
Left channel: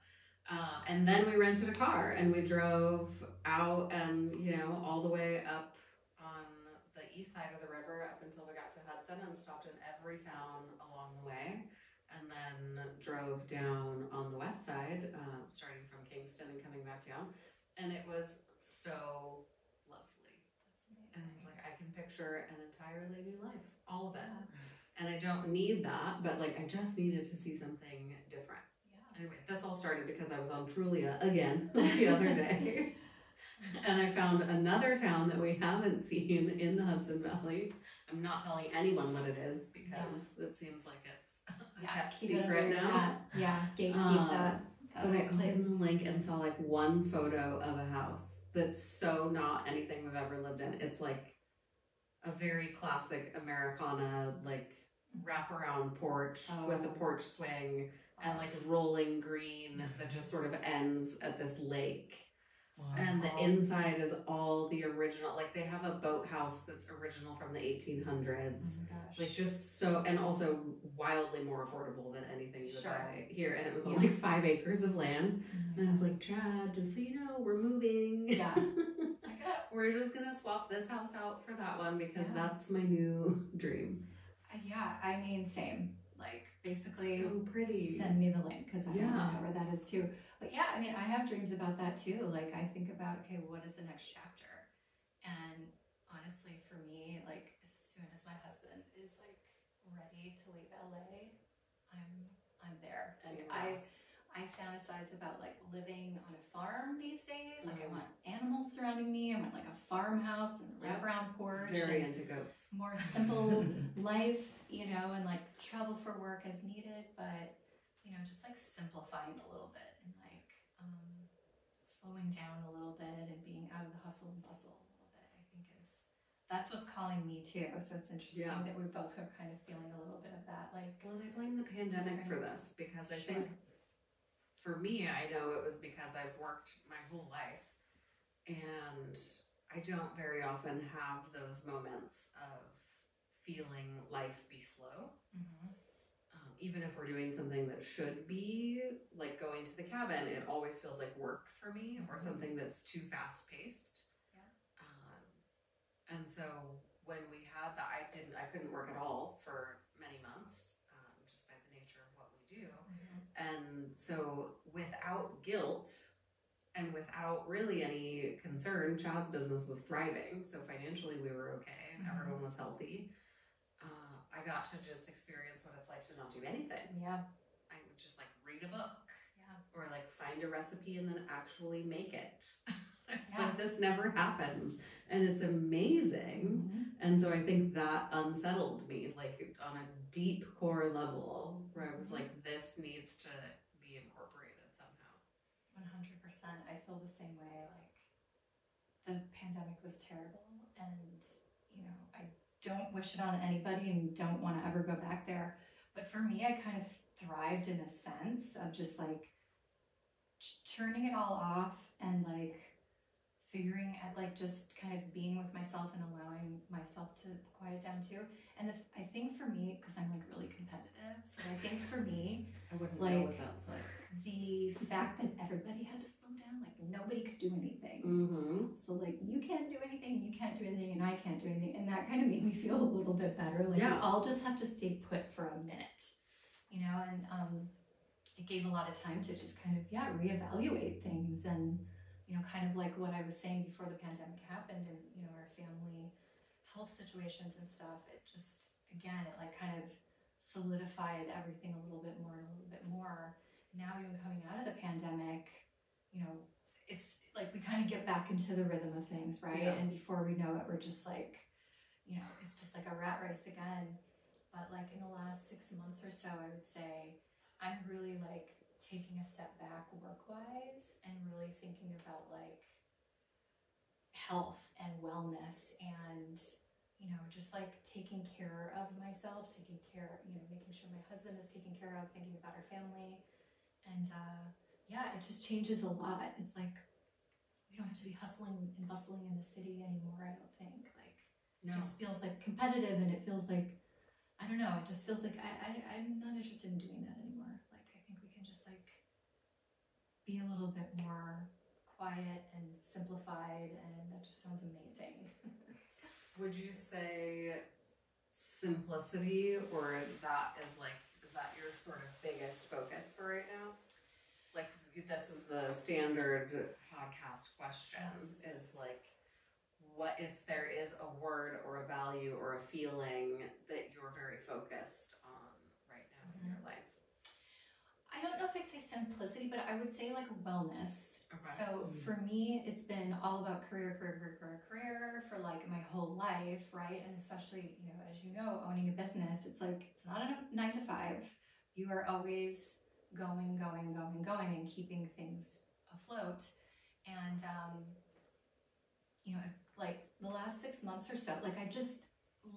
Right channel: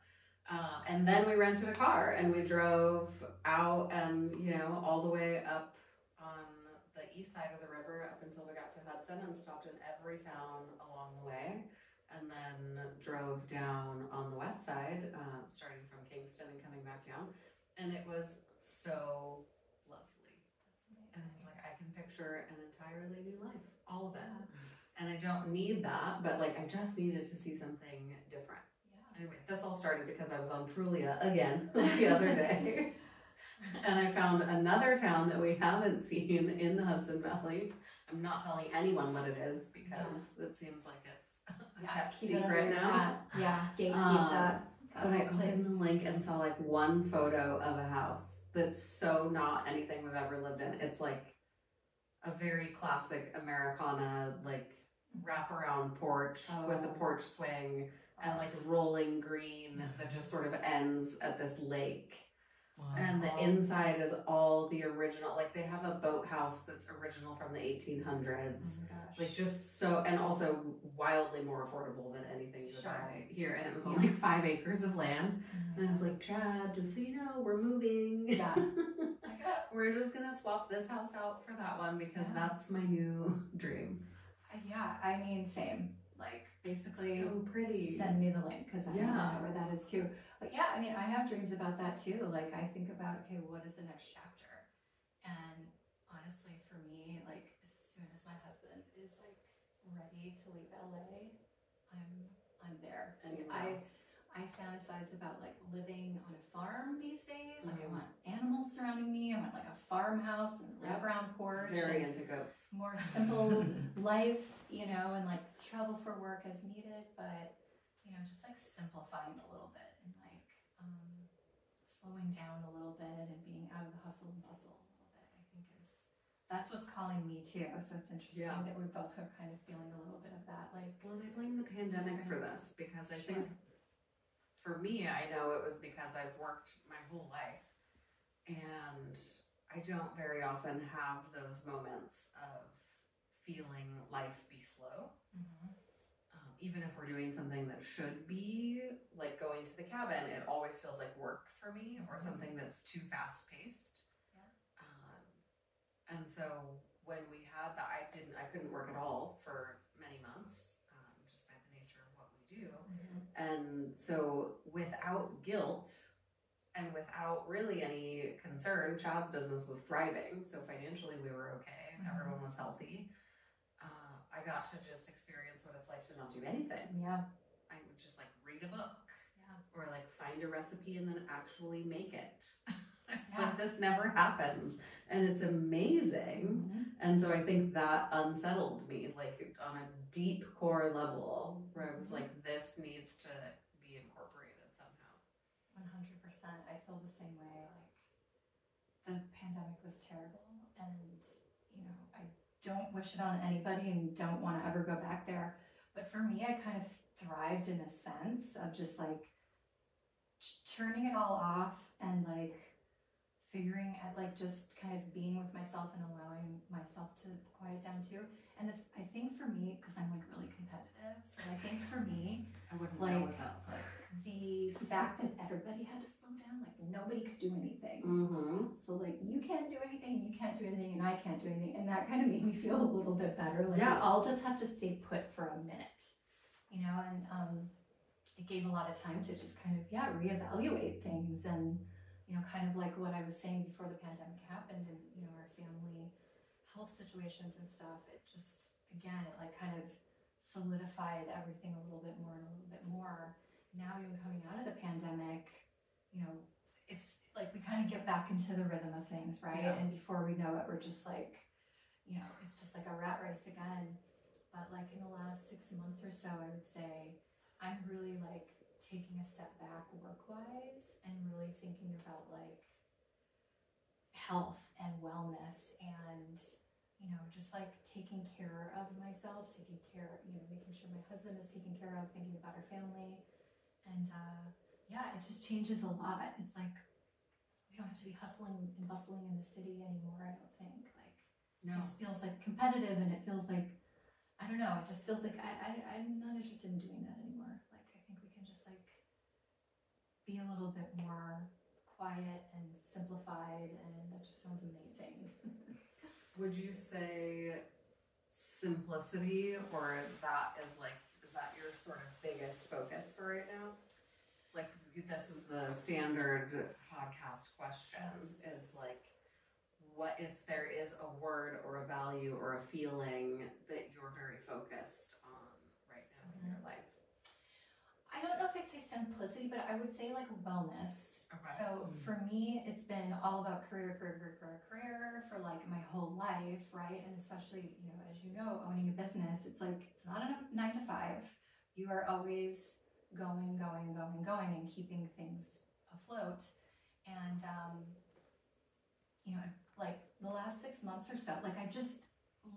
And then we rented a car and we drove out and, you know, all the way up on the east side of the river up until we got to Hudson and stopped in every town along the way. And then drove down on the west side, starting from Kingston and coming back down. And it was so lovely. That's amazing. And it's like, I can picture an entirely new life, all of it. And I don't need that, but like, I just needed to see something different. Anyway, this all started because I was on Trulia again the other day. And I found another town that we haven't seen in the Hudson Valley. I'm not telling anyone what it is because it seems like it's a kept secret now. Gatekeep that. But I opened the link and saw like one photo of a house that's so not anything we've ever lived in. It's like a very classic Americana, like wraparound porch with a porch swing. And like rolling green that just sort of ends at this lake. Wow. And the inside is all the original, like they have a boathouse that's original from the 1800s. Oh my gosh. Like just so, and also wildly more affordable than anything you would buy here. And it was on like 5 acres of land. And I was like, Chad, just so you know, we're moving. Yeah. We're just gonna swap this house out for that one because that's my new dream. Yeah, I mean, same. Like basically so pretty. Send me the link because I don't know where that is too. But yeah, I mean, I have dreams about that too. Like I think about, okay, what is the next chapter? And honestly, for me, like as soon as my husband is like ready to leave LA, I'm there. Like I fantasize about like living on a farm these days. Like I want animals surrounding me. I want like a farmhouse and wraparound porch. Very into goats. More simple life, you know, and like travel for work as needed, but you know, just like simplifying a little bit and like slowing down a little bit and being out of the hustle and bustle a little bit, I think that's what's calling me too. So it's interesting that we both are kind of feeling a little bit of that. Like, well, and I blame the pandemic for this because I think for me, I know it was because I've worked my whole life and I don't very often have those moments of feeling life be slow. Even if we're doing something that should be like going to the cabin, it always feels like work for me or something that's too fast paced. And so when we had that, I couldn't work at all for many months, just by the nature of what we do. And so without guilt and without really any concern, Chad's business was thriving. So financially we were okay and everyone was healthy. I got to just experience what it's like to not do anything. Yeah. I would just like read a book or like find a recipe and then actually make it. It's like this never happens and it's amazing. And so I think that unsettled me like on a deep core level where I was like, this needs to be incorporated somehow. 100%. I feel the same way. Like the pandemic was terrible and you know, I don't wish it on anybody and don't want to ever go back there. But for me, I kind of thrived in a sense of just like turning it all off and like figuring at like just kind of being with myself and allowing myself to quiet down too. And I think for me, because I'm like really competitive, so I think for me, I wouldn't like, know what that's like. The fact that everybody had to slow down, like nobody could do anything. So like you can't do anything, you can't do anything, and I can't do anything, and that kind of made me feel a little bit better. Like we all just have to stay put for a minute, you know. And it gave a lot of time to just kind of reevaluate things, and you know, kind of like what I was saying before the pandemic happened, and you know, our family health situations and stuff. It just again, it like kind of solidified everything a little bit more and a little bit more. Now even coming out of the pandemic. kind of get back into the rhythm of things, right? Yeah. And before we know it, we're just like, you know, it's just like a rat race again. But like in the last 6 months or so, I would say I'm really like taking a step back work-wise and really thinking about like health and wellness and, you know, just like taking care of myself, taking care, you know, making sure my husband is taken care of, thinking about our family. And yeah, it just changes a lot. It's like we don't have to be hustling and bustling in the city anymore, I don't think. Like, it just feels like competitive, and it feels like, I don't know, it just feels like I'm not interested in doing that anymore. Like, I think we can just like be a little bit more quiet and simplified, and that just sounds amazing. Would you say simplicity, or that is that your sort of biggest focus for right now? Like, this is the standard podcast question, Yes. is like, what if there is a word or a value or a feeling that you're very focused on right now in your life? I don't know if I'd say simplicity, but I would say like wellness. Okay. So for me, it's been all about career for like my whole life, right? And especially, you know, as you know, owning a business, it's like, it's not a 9 to 5. You are always going, and keeping things afloat. And, you know, like the last 6 months or so, like I just,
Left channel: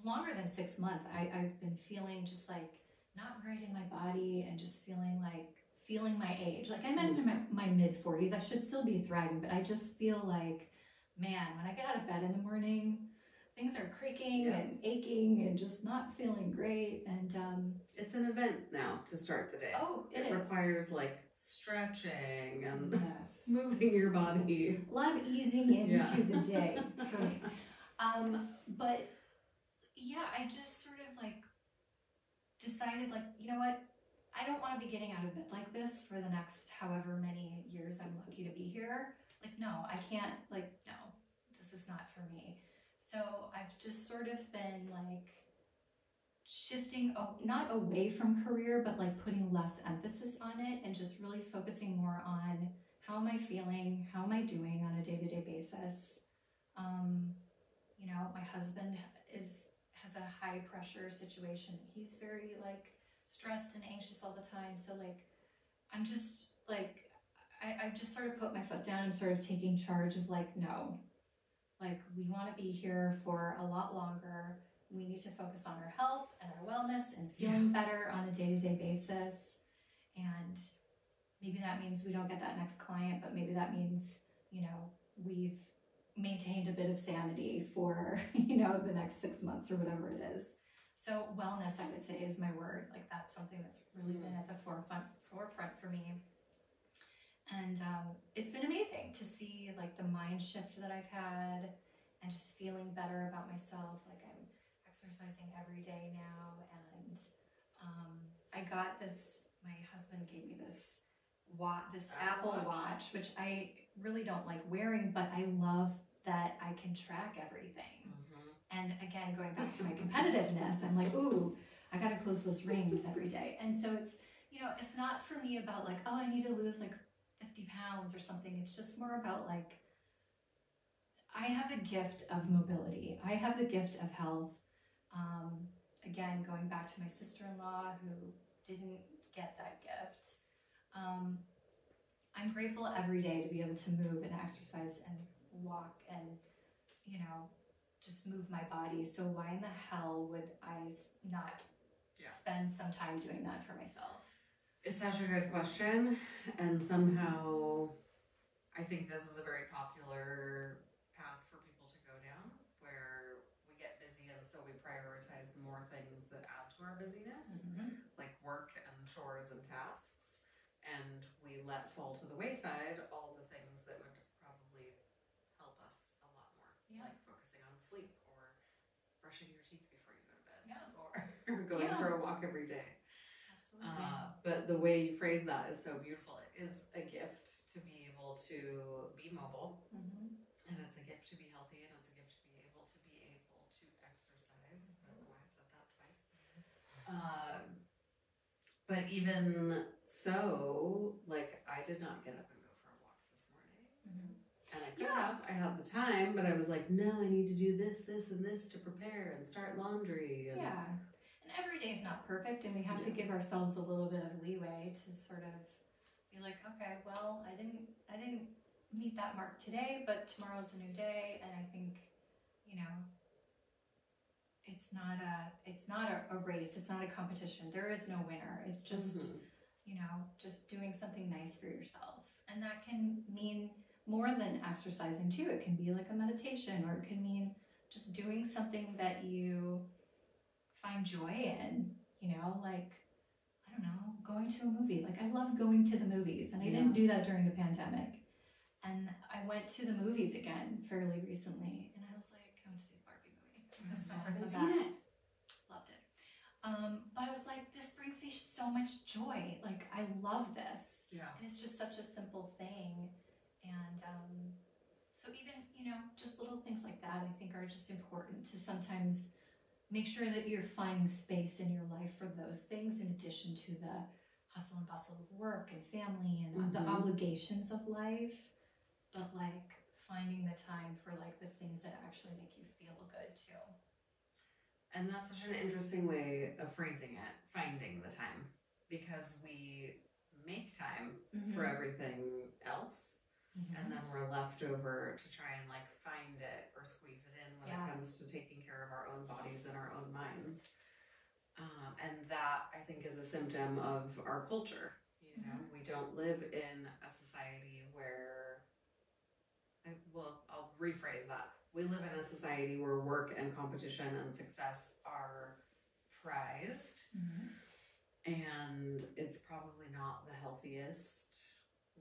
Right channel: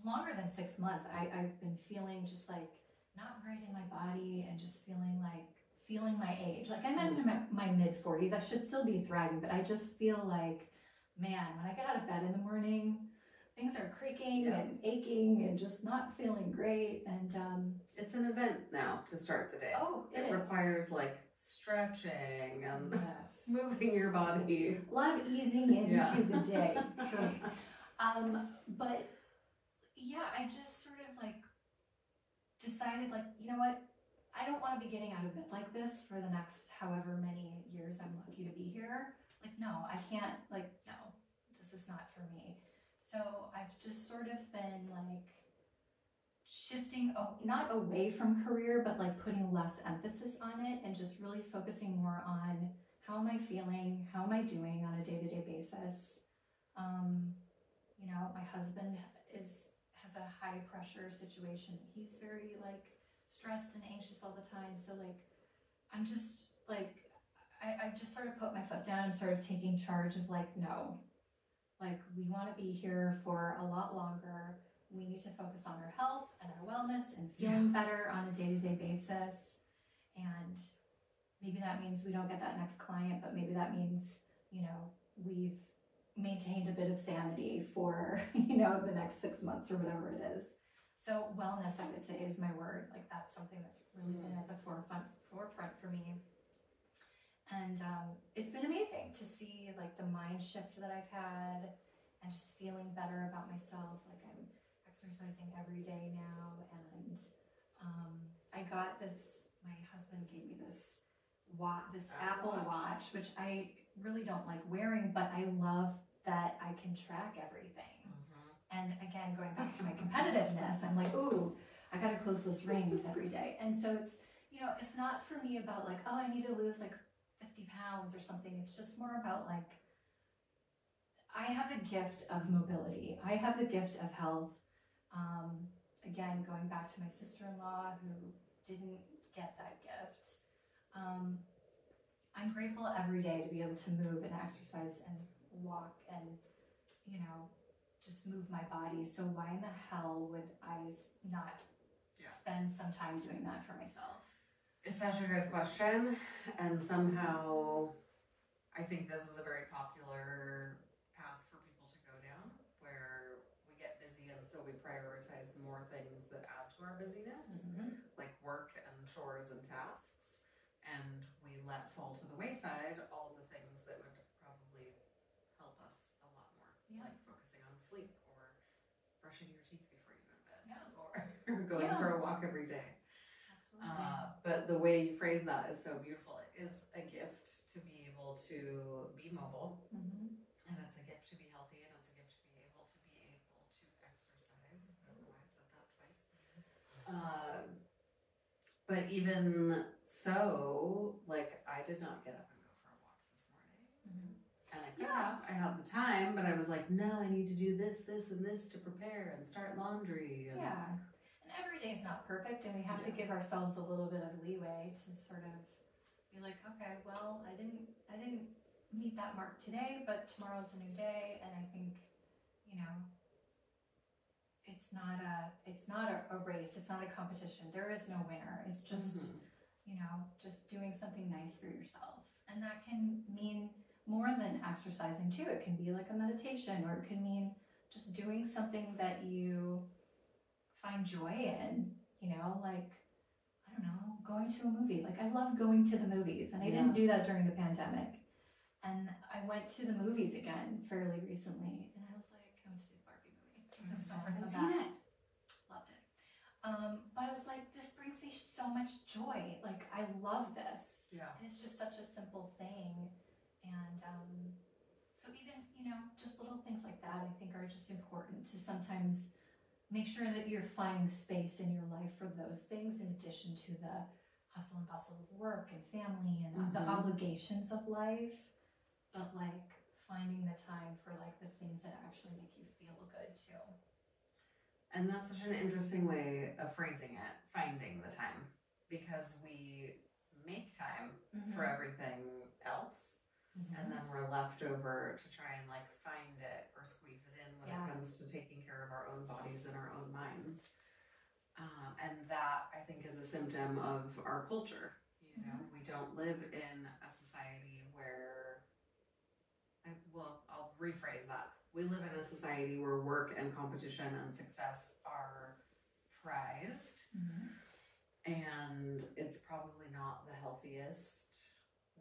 longer than 6 months, I've been feeling just like not great in my body, and just feeling my age. Like I'm in my mid 40s. I should still be thriving, but I just feel like, man, when I get out of bed in the morning, things are creaking and aching and just not feeling great. And it's an event now to start the day. Oh, it requires like stretching and moving your body. A lot of easing into the day. Right. But yeah, I just sort of like decided, like, you know what? I don't want to be getting out of bed like this for the next however many years I'm lucky to be here. Like, no, I can't, like, no, this is not for me. So I've just sort of been like shifting, not away from career, but like putting less emphasis on it, and just really focusing more on how am I feeling, how am I doing on a day-to-day basis. You know, my husband has a high pressure situation. He's very like stressed and anxious all the time. So like, I'm just like, I just sort of put my foot down and sort of taking charge of like, no, like we want to be here for a lot longer. We need to focus on our health and our wellness and feeling better on a day-to-day basis. And maybe that means we don't get that next client, but maybe that means, you know, we've maintained a bit of sanity for, you know, the next 6 months or whatever it is. So wellness, I would say, is my word. Like that's something that's really been at the forefront for me. And it's been amazing to see like the mind shift that I've had, and just feeling better about myself. Like I'm exercising every day now, and I got this, my husband gave me this Apple Watch, which I really don't like wearing, but I love that I can track everything. And again, going back to my competitiveness, I'm like, ooh, I gotta close those rings every day. And so it's, you know, it's not for me about like, oh, I need to lose like 50 pounds or something. It's just more about like, I have the gift of mobility. I have the gift of health. Again, going back to my sister-in-law who didn't get that gift. I'm grateful every day to be able to move and exercise and walk and, you know, just move my body. So why in the hell would I not spend some time doing that for myself? It's such a good question, and somehow I think this is a very popular path for people to go down, where we get busy and so we prioritize more things that add to our busyness, like work and chores and tasks, and we let fall to the wayside all the things that would probably help us a lot more, like focusing on sleep, or brushing your teeth before you go to bed, or going for a walk every day. But the way you phrase that is so beautiful. It is a gift to be able to be mobile, and it's a gift to be healthy, and it's a gift to be able to exercise. I don't know why I said that twice. But even so, like I did not get up and go for a walk this morning, and I Like, I had the time, but I was like, no, I need to do this, this, and this to prepare and start laundry. And and every day is not perfect, and we have to give ourselves a little bit of leeway to sort of be like, okay, well, I didn't meet that mark today, but tomorrow's a new day, and I think, you know, it's not a race, it's not a competition. There is no winner. It's just you know, just doing something nice for yourself, and that can mean more than exercising too. It can be like a meditation, or it can mean just doing something that you find joy in, you know, like, I don't know, going to a movie. Like, I love going to the movies, and I didn't do that during the pandemic. And I went to the movies again fairly recently, and I was like, I went to see the Barbie movie. I haven't seen it. Loved it. But I was like, this brings me so much joy. Like, I love this. Yeah. And it's just such a simple thing. And so even, you know, just little things like that, I think are just important to sometimes make sure that you're finding space in your life for those things, in addition to the hustle and bustle of work and family and the obligations of life. But like finding the time for like the things that actually make you feel good too. And that's such an interesting way of phrasing it, finding the time, because we make time for everything else, and then we're left over to try and like find it or squeeze it in when it comes to taking care of our own bodies and our own minds. And that, I think, is a symptom of our culture. You know, we don't live in a society where, I'll rephrase that. We live in a society where work and competition and success are prized. And it's probably not the healthiest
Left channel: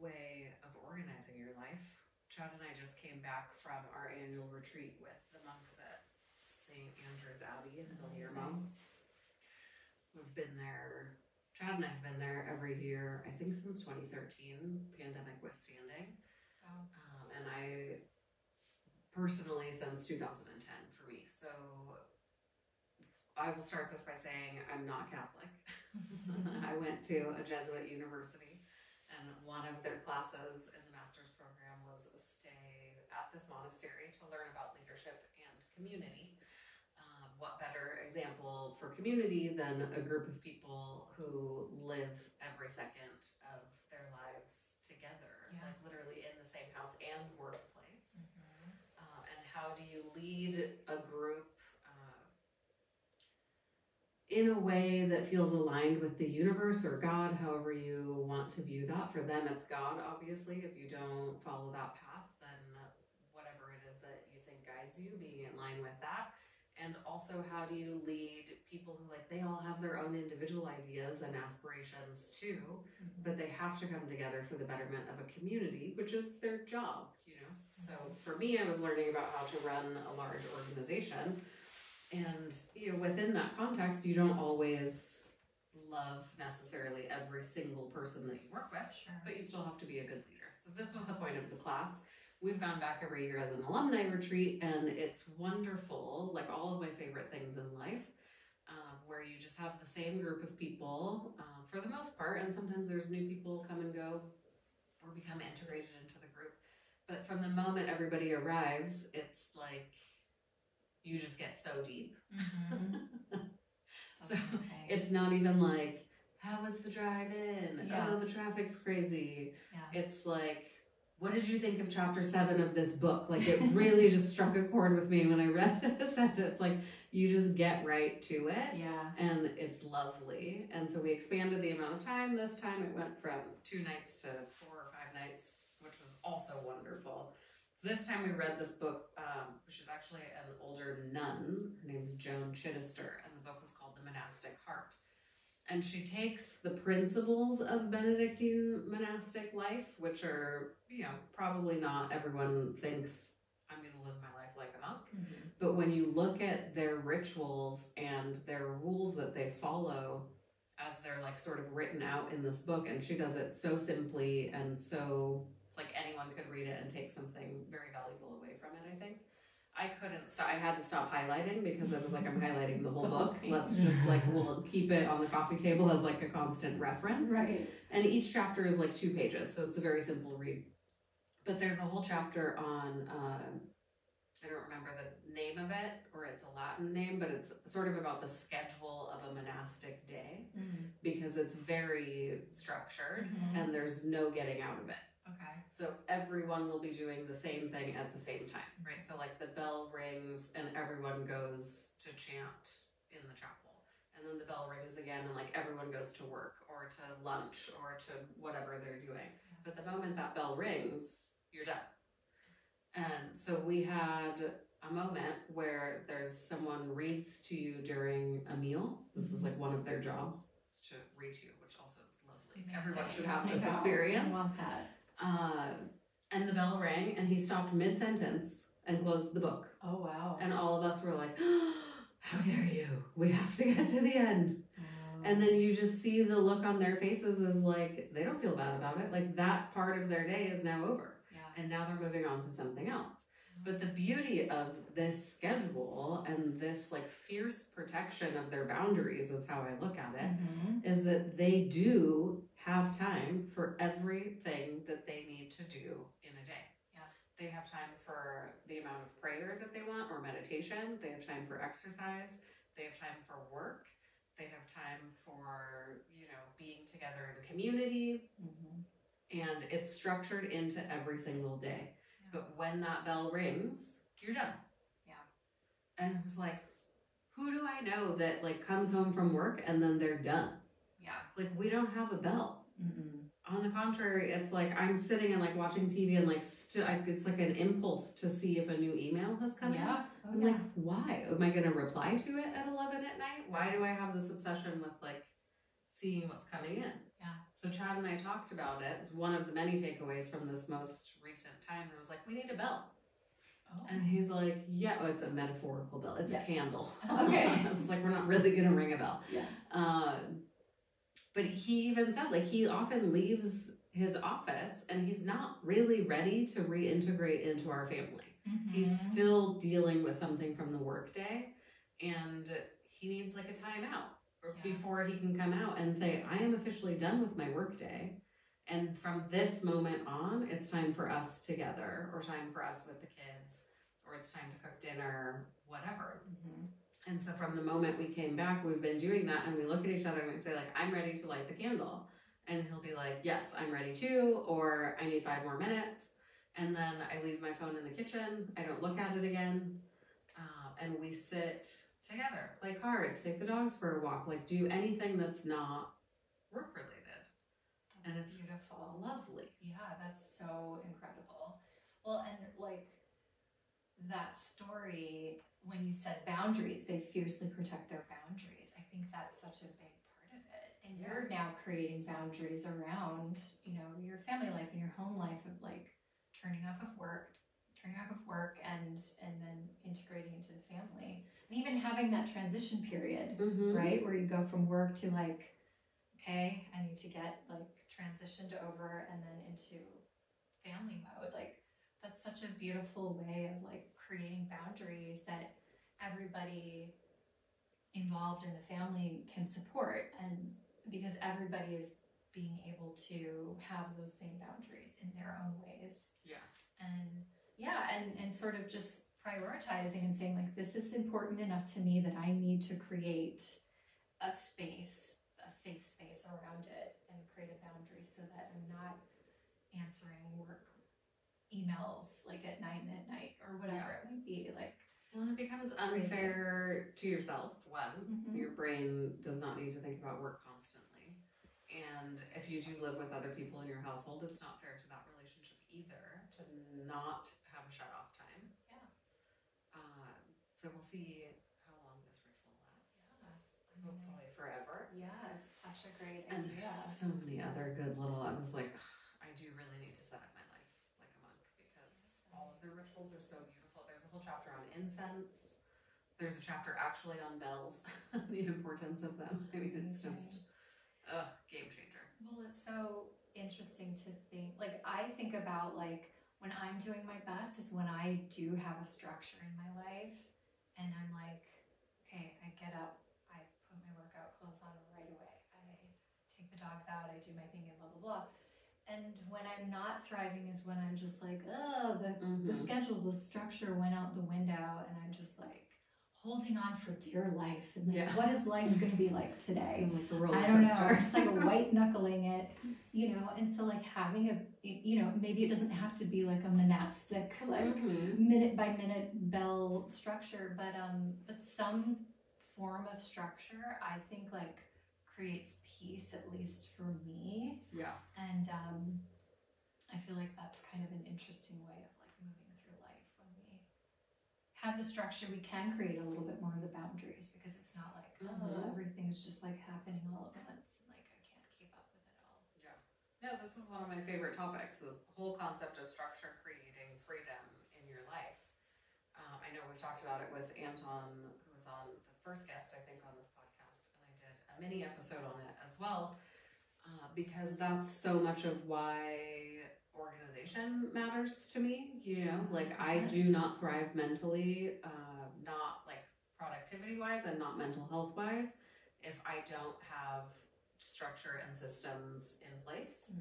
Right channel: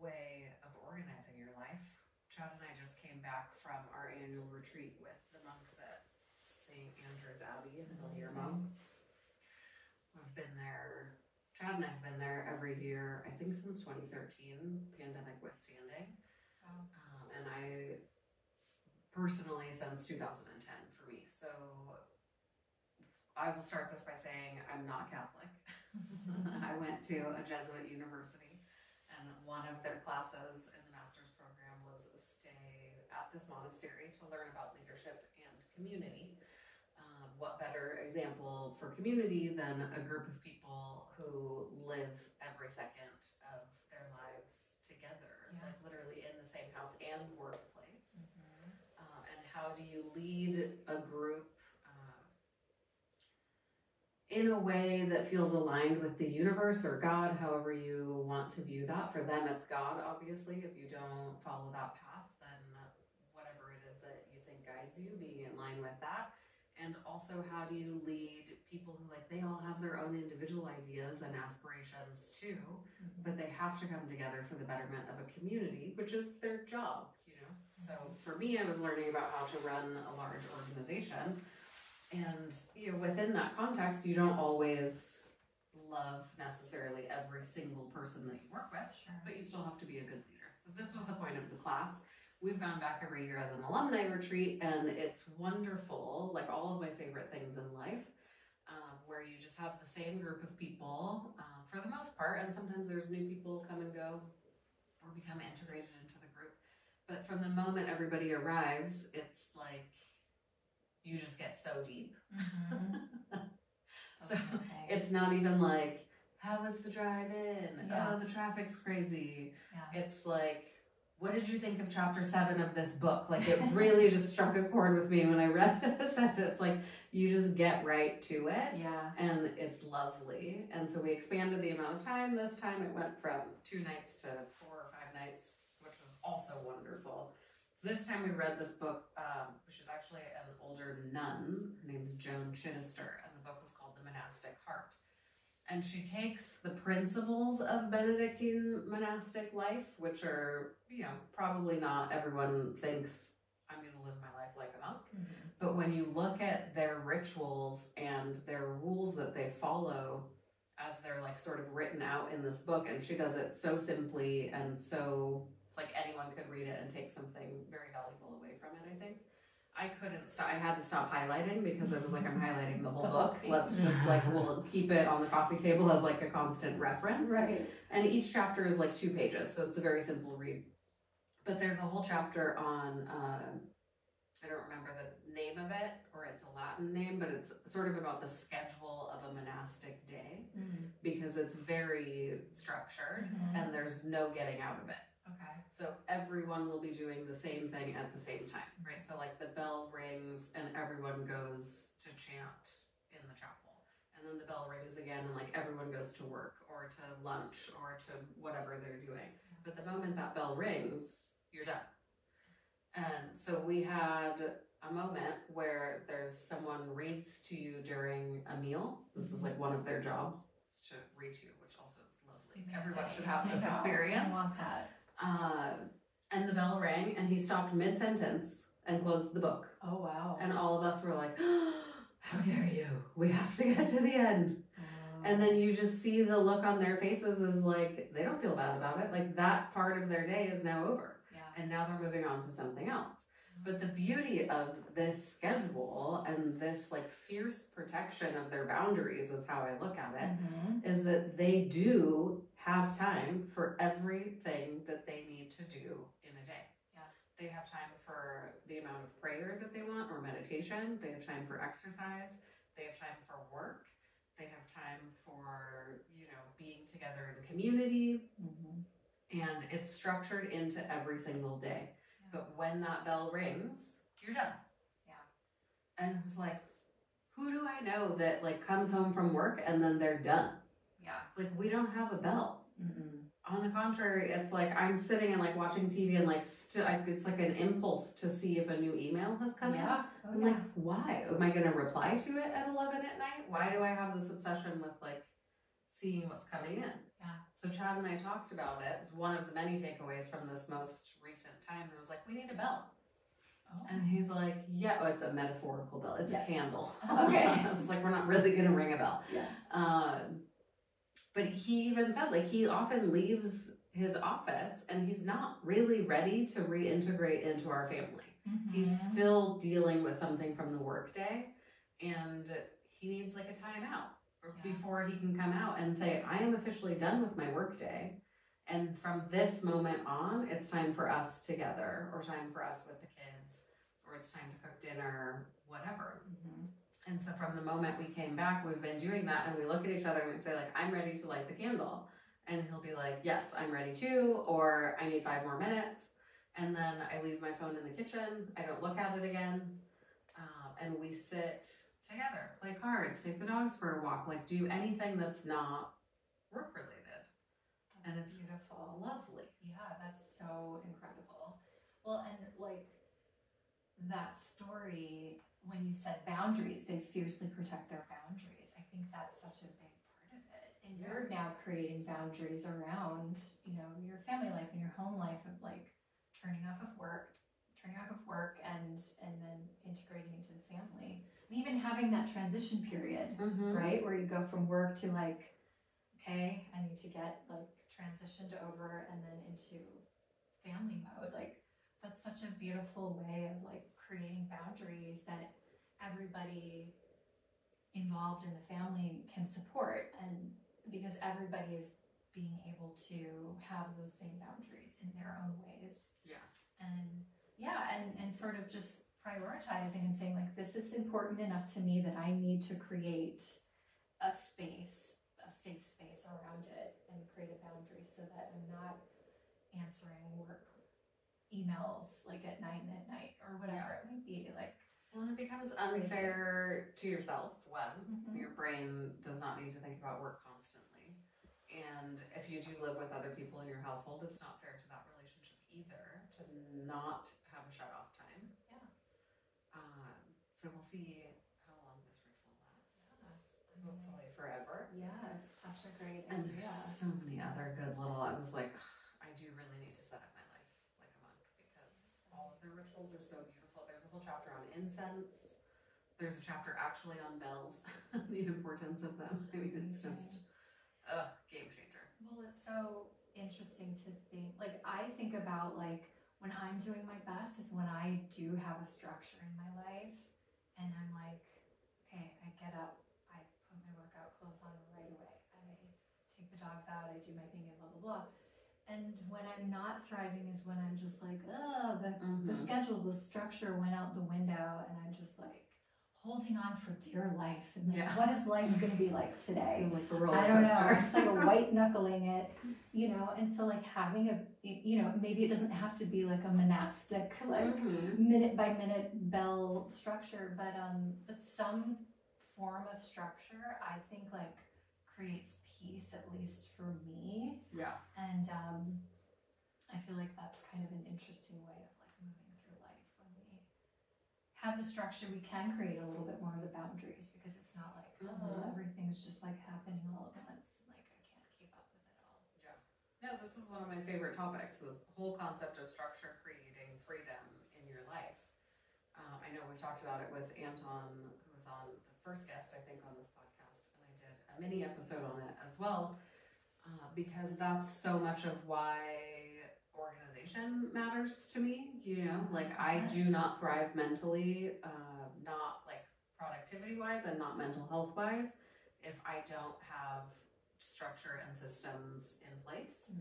way of organizing your life. Chad and I just came back from our annual retreat with the monks at St. Andrew's Abbey in Guillermo. We've been there, Chad and I have been there every year, I think since 2013, pandemic withstanding. And I personally, since 2010 for me. So I will start this by saying I'm not Catholic. I went to a Jesuit university, and one of their classes in the master's program was a stay at this monastery to learn about leadership and community. What better example for community than a group of people who live every second of their lives together, like literally in the same house and workplace. And how do you lead a group in a way that feels aligned with the universe or God, however you want to view that? For them, it's God, obviously. If you don't follow that path, then whatever it is that you think guides you, being in line with that. And also, how do you lead people who, like, they all have their own individual ideas and aspirations too, but they have to come together for the betterment of a community, which is their job, you know? So for me, I was learning about how to run a large organization. And, you know, within that context, you don't always love necessarily every single person that you work with, but you still have to be a good leader. So this was the point of the class. We've gone back every year as an alumni retreat, and it's wonderful, like all of my favorite things in life, where you just have the same group of people for the most part, and sometimes there's new people come and go or become integrated into the group. But from the moment everybody arrives, it's like you just get so deep. So it's not even like, how was the drive in? Oh, the traffic's crazy. It's like, what did you think of chapter 7 of this book? Like, it really just struck a chord with me when I read this. And it's like, you just get right to it. And it's lovely. And so we expanded the amount of time. This time it went from 2 nights to 4 or 5 nights, which was also wonderful. So this time we read this book, which is actually an older nun. Her name is Joan Chittister, and the book was called The Monastic Heart. And she takes the principles of Benedictine monastic life, which are, you know, probably not everyone thinks I'm going to live my life like a monk. But when you look at their rituals and their rules that they follow as they're like sort of written out in this book, and she does it so simply and so, it's like anyone could read it and take something very valuable away from it, I think. I couldn't stop. I had to stop highlighting because I was like, I'm highlighting the whole book. Let's just like, we'll keep it on the coffee table as like a constant reference. And each chapter is like 2 pages, so it's a very simple read. But there's a whole chapter on, I don't remember the name of it, or it's a Latin name, but it's sort of about the schedule of a monastic day, because it's very structured and there's no getting out of it. Okay. So everyone will be doing the same thing at the same time, right? So like the bell rings and everyone goes to chant in the chapel. And then the bell rings again and like everyone goes to work or to lunch or to whatever they're doing. But the moment that bell rings, you're done. And so we had a moment where there's someone reads to you during a meal. This is like one of their jobs, is to read to you, which also is lovely. Everyone should have this experience. I love that. And the bell rang and he stopped mid-sentence and closed the book. Oh, wow. And all of us were like, oh, how dare you? We have to get to the end. And then you just see the look on their faces is like, they don't feel bad about it. Like that part of their day is now over. And now they're moving on to something else. But the beauty of this schedule and this like fierce protection of their boundaries is how I look at it, is that they do have time for everything that they need to do in a day. They have time for the amount of prayer that they want or meditation. They have time for exercise. They have time for work. They have time for, you know, being together in community. And it's structured into every single day. But when that bell rings, you're done. And it was like, who do I know that like comes home from work and then they're done? Like we don't have a bell. On the contrary, it's like I'm sitting and like watching TV and like it's like an impulse to see if a new email has come in. I'm like, why? Am I going to reply to it at 11 at night? Why do I have this obsession with like seeing what's coming in? So Chad and I talked about it. It's one of the many takeaways from this most recent time. And I was like, we need a bell. And he's like, yeah, oh, it's a metaphorical bell. It's a candle. Okay. I was like, we're not really going to ring a bell. But he even said, like, he often leaves his office and he's not really ready to reintegrate into our family. He's still dealing with something from the workday and he needs like a timeout before he can come out and say, I am officially done with my workday. And from this moment on, it's time for us together or time for us with the kids or it's time to cook dinner, whatever. And so from the moment we came back, we've been doing that and we look at each other and we say like, I'm ready to light the candle. And he'll be like, yes, I'm ready too, or I need 5 more minutes. And then I leave my phone in the kitchen. I don't look at it again. And we sit together, play cards, take the dogs for a walk, like do anything that's not work related. And it's beautiful. Lovely. Yeah, that's so incredible. Well, and like that story, when you said boundaries, they fiercely protect their boundaries. I think that's such a big part of it. And you're now creating boundaries around, you know, your family life and your home life of like turning off of work and then integrating into the family. And even having that transition period, right? Where you go from work to like, okay, I need to get like transitioned over and then into family mode. Like that's such a beautiful way of like creating boundaries that everybody involved in the family can support, and because everybody is being able to have those same boundaries in their own ways. And sort of just prioritizing and saying like, this is important enough to me that I need to create a space, a safe space around it and create a boundary so that I'm not answering work emails like at night or whatever it might be. Like, well, it becomes unfair to yourself when your brain does not need to think about work constantly. And if you do live with other people in your household, it's not fair to that relationship either to not have a shut off time. So we'll see how long this ritual lasts. Hopefully forever. Yeah, it's such a great idea. And there's so many other good little, I was like, I do really need to set up my life like a monk because all of their rituals are so beautiful. There's a whole chapter on incense. There's a chapter actually on bells, the importance of them. I mean, it's just a game changer. Well, it's so interesting to think, like I think about like when I'm doing my best is when I do have a structure in my life and I'm like, okay, I get up, I put my workout clothes on right away, I take the dogs out, I do my thing and blah, blah, blah. And when I'm I'm not thriving is when I'm just like, oh, the schedule, the structure went out the window, and I'm just like holding on for dear life. And like, what is life going to be like today? Like a roller I don't know. coaster. I'm just like a white knuckling it, you know. And so like having a, you know, maybe it doesn't have to be like a monastic, like minute by minute bell structure, but some form of structure, I think like creates peace, at least for me. Yeah. And I feel like that's kind of an interesting way of like moving through life. When we have the structure, we can create a little bit more of the boundaries, because it's not like, oh, everything's just like happening all at once. Like I can't keep up with it all. Yeah. No, this is one of my favorite topics, is the whole concept of structure creating freedom in your life. I know we've talked about it with Anton, who was on the first guest, I think, on this podcast, and I did a mini episode on it as well, because that's so much of why organization matters to me. You know, like I do not thrive mentally, not like productivity wise and not mental health wise, if I don't have structure and systems in place.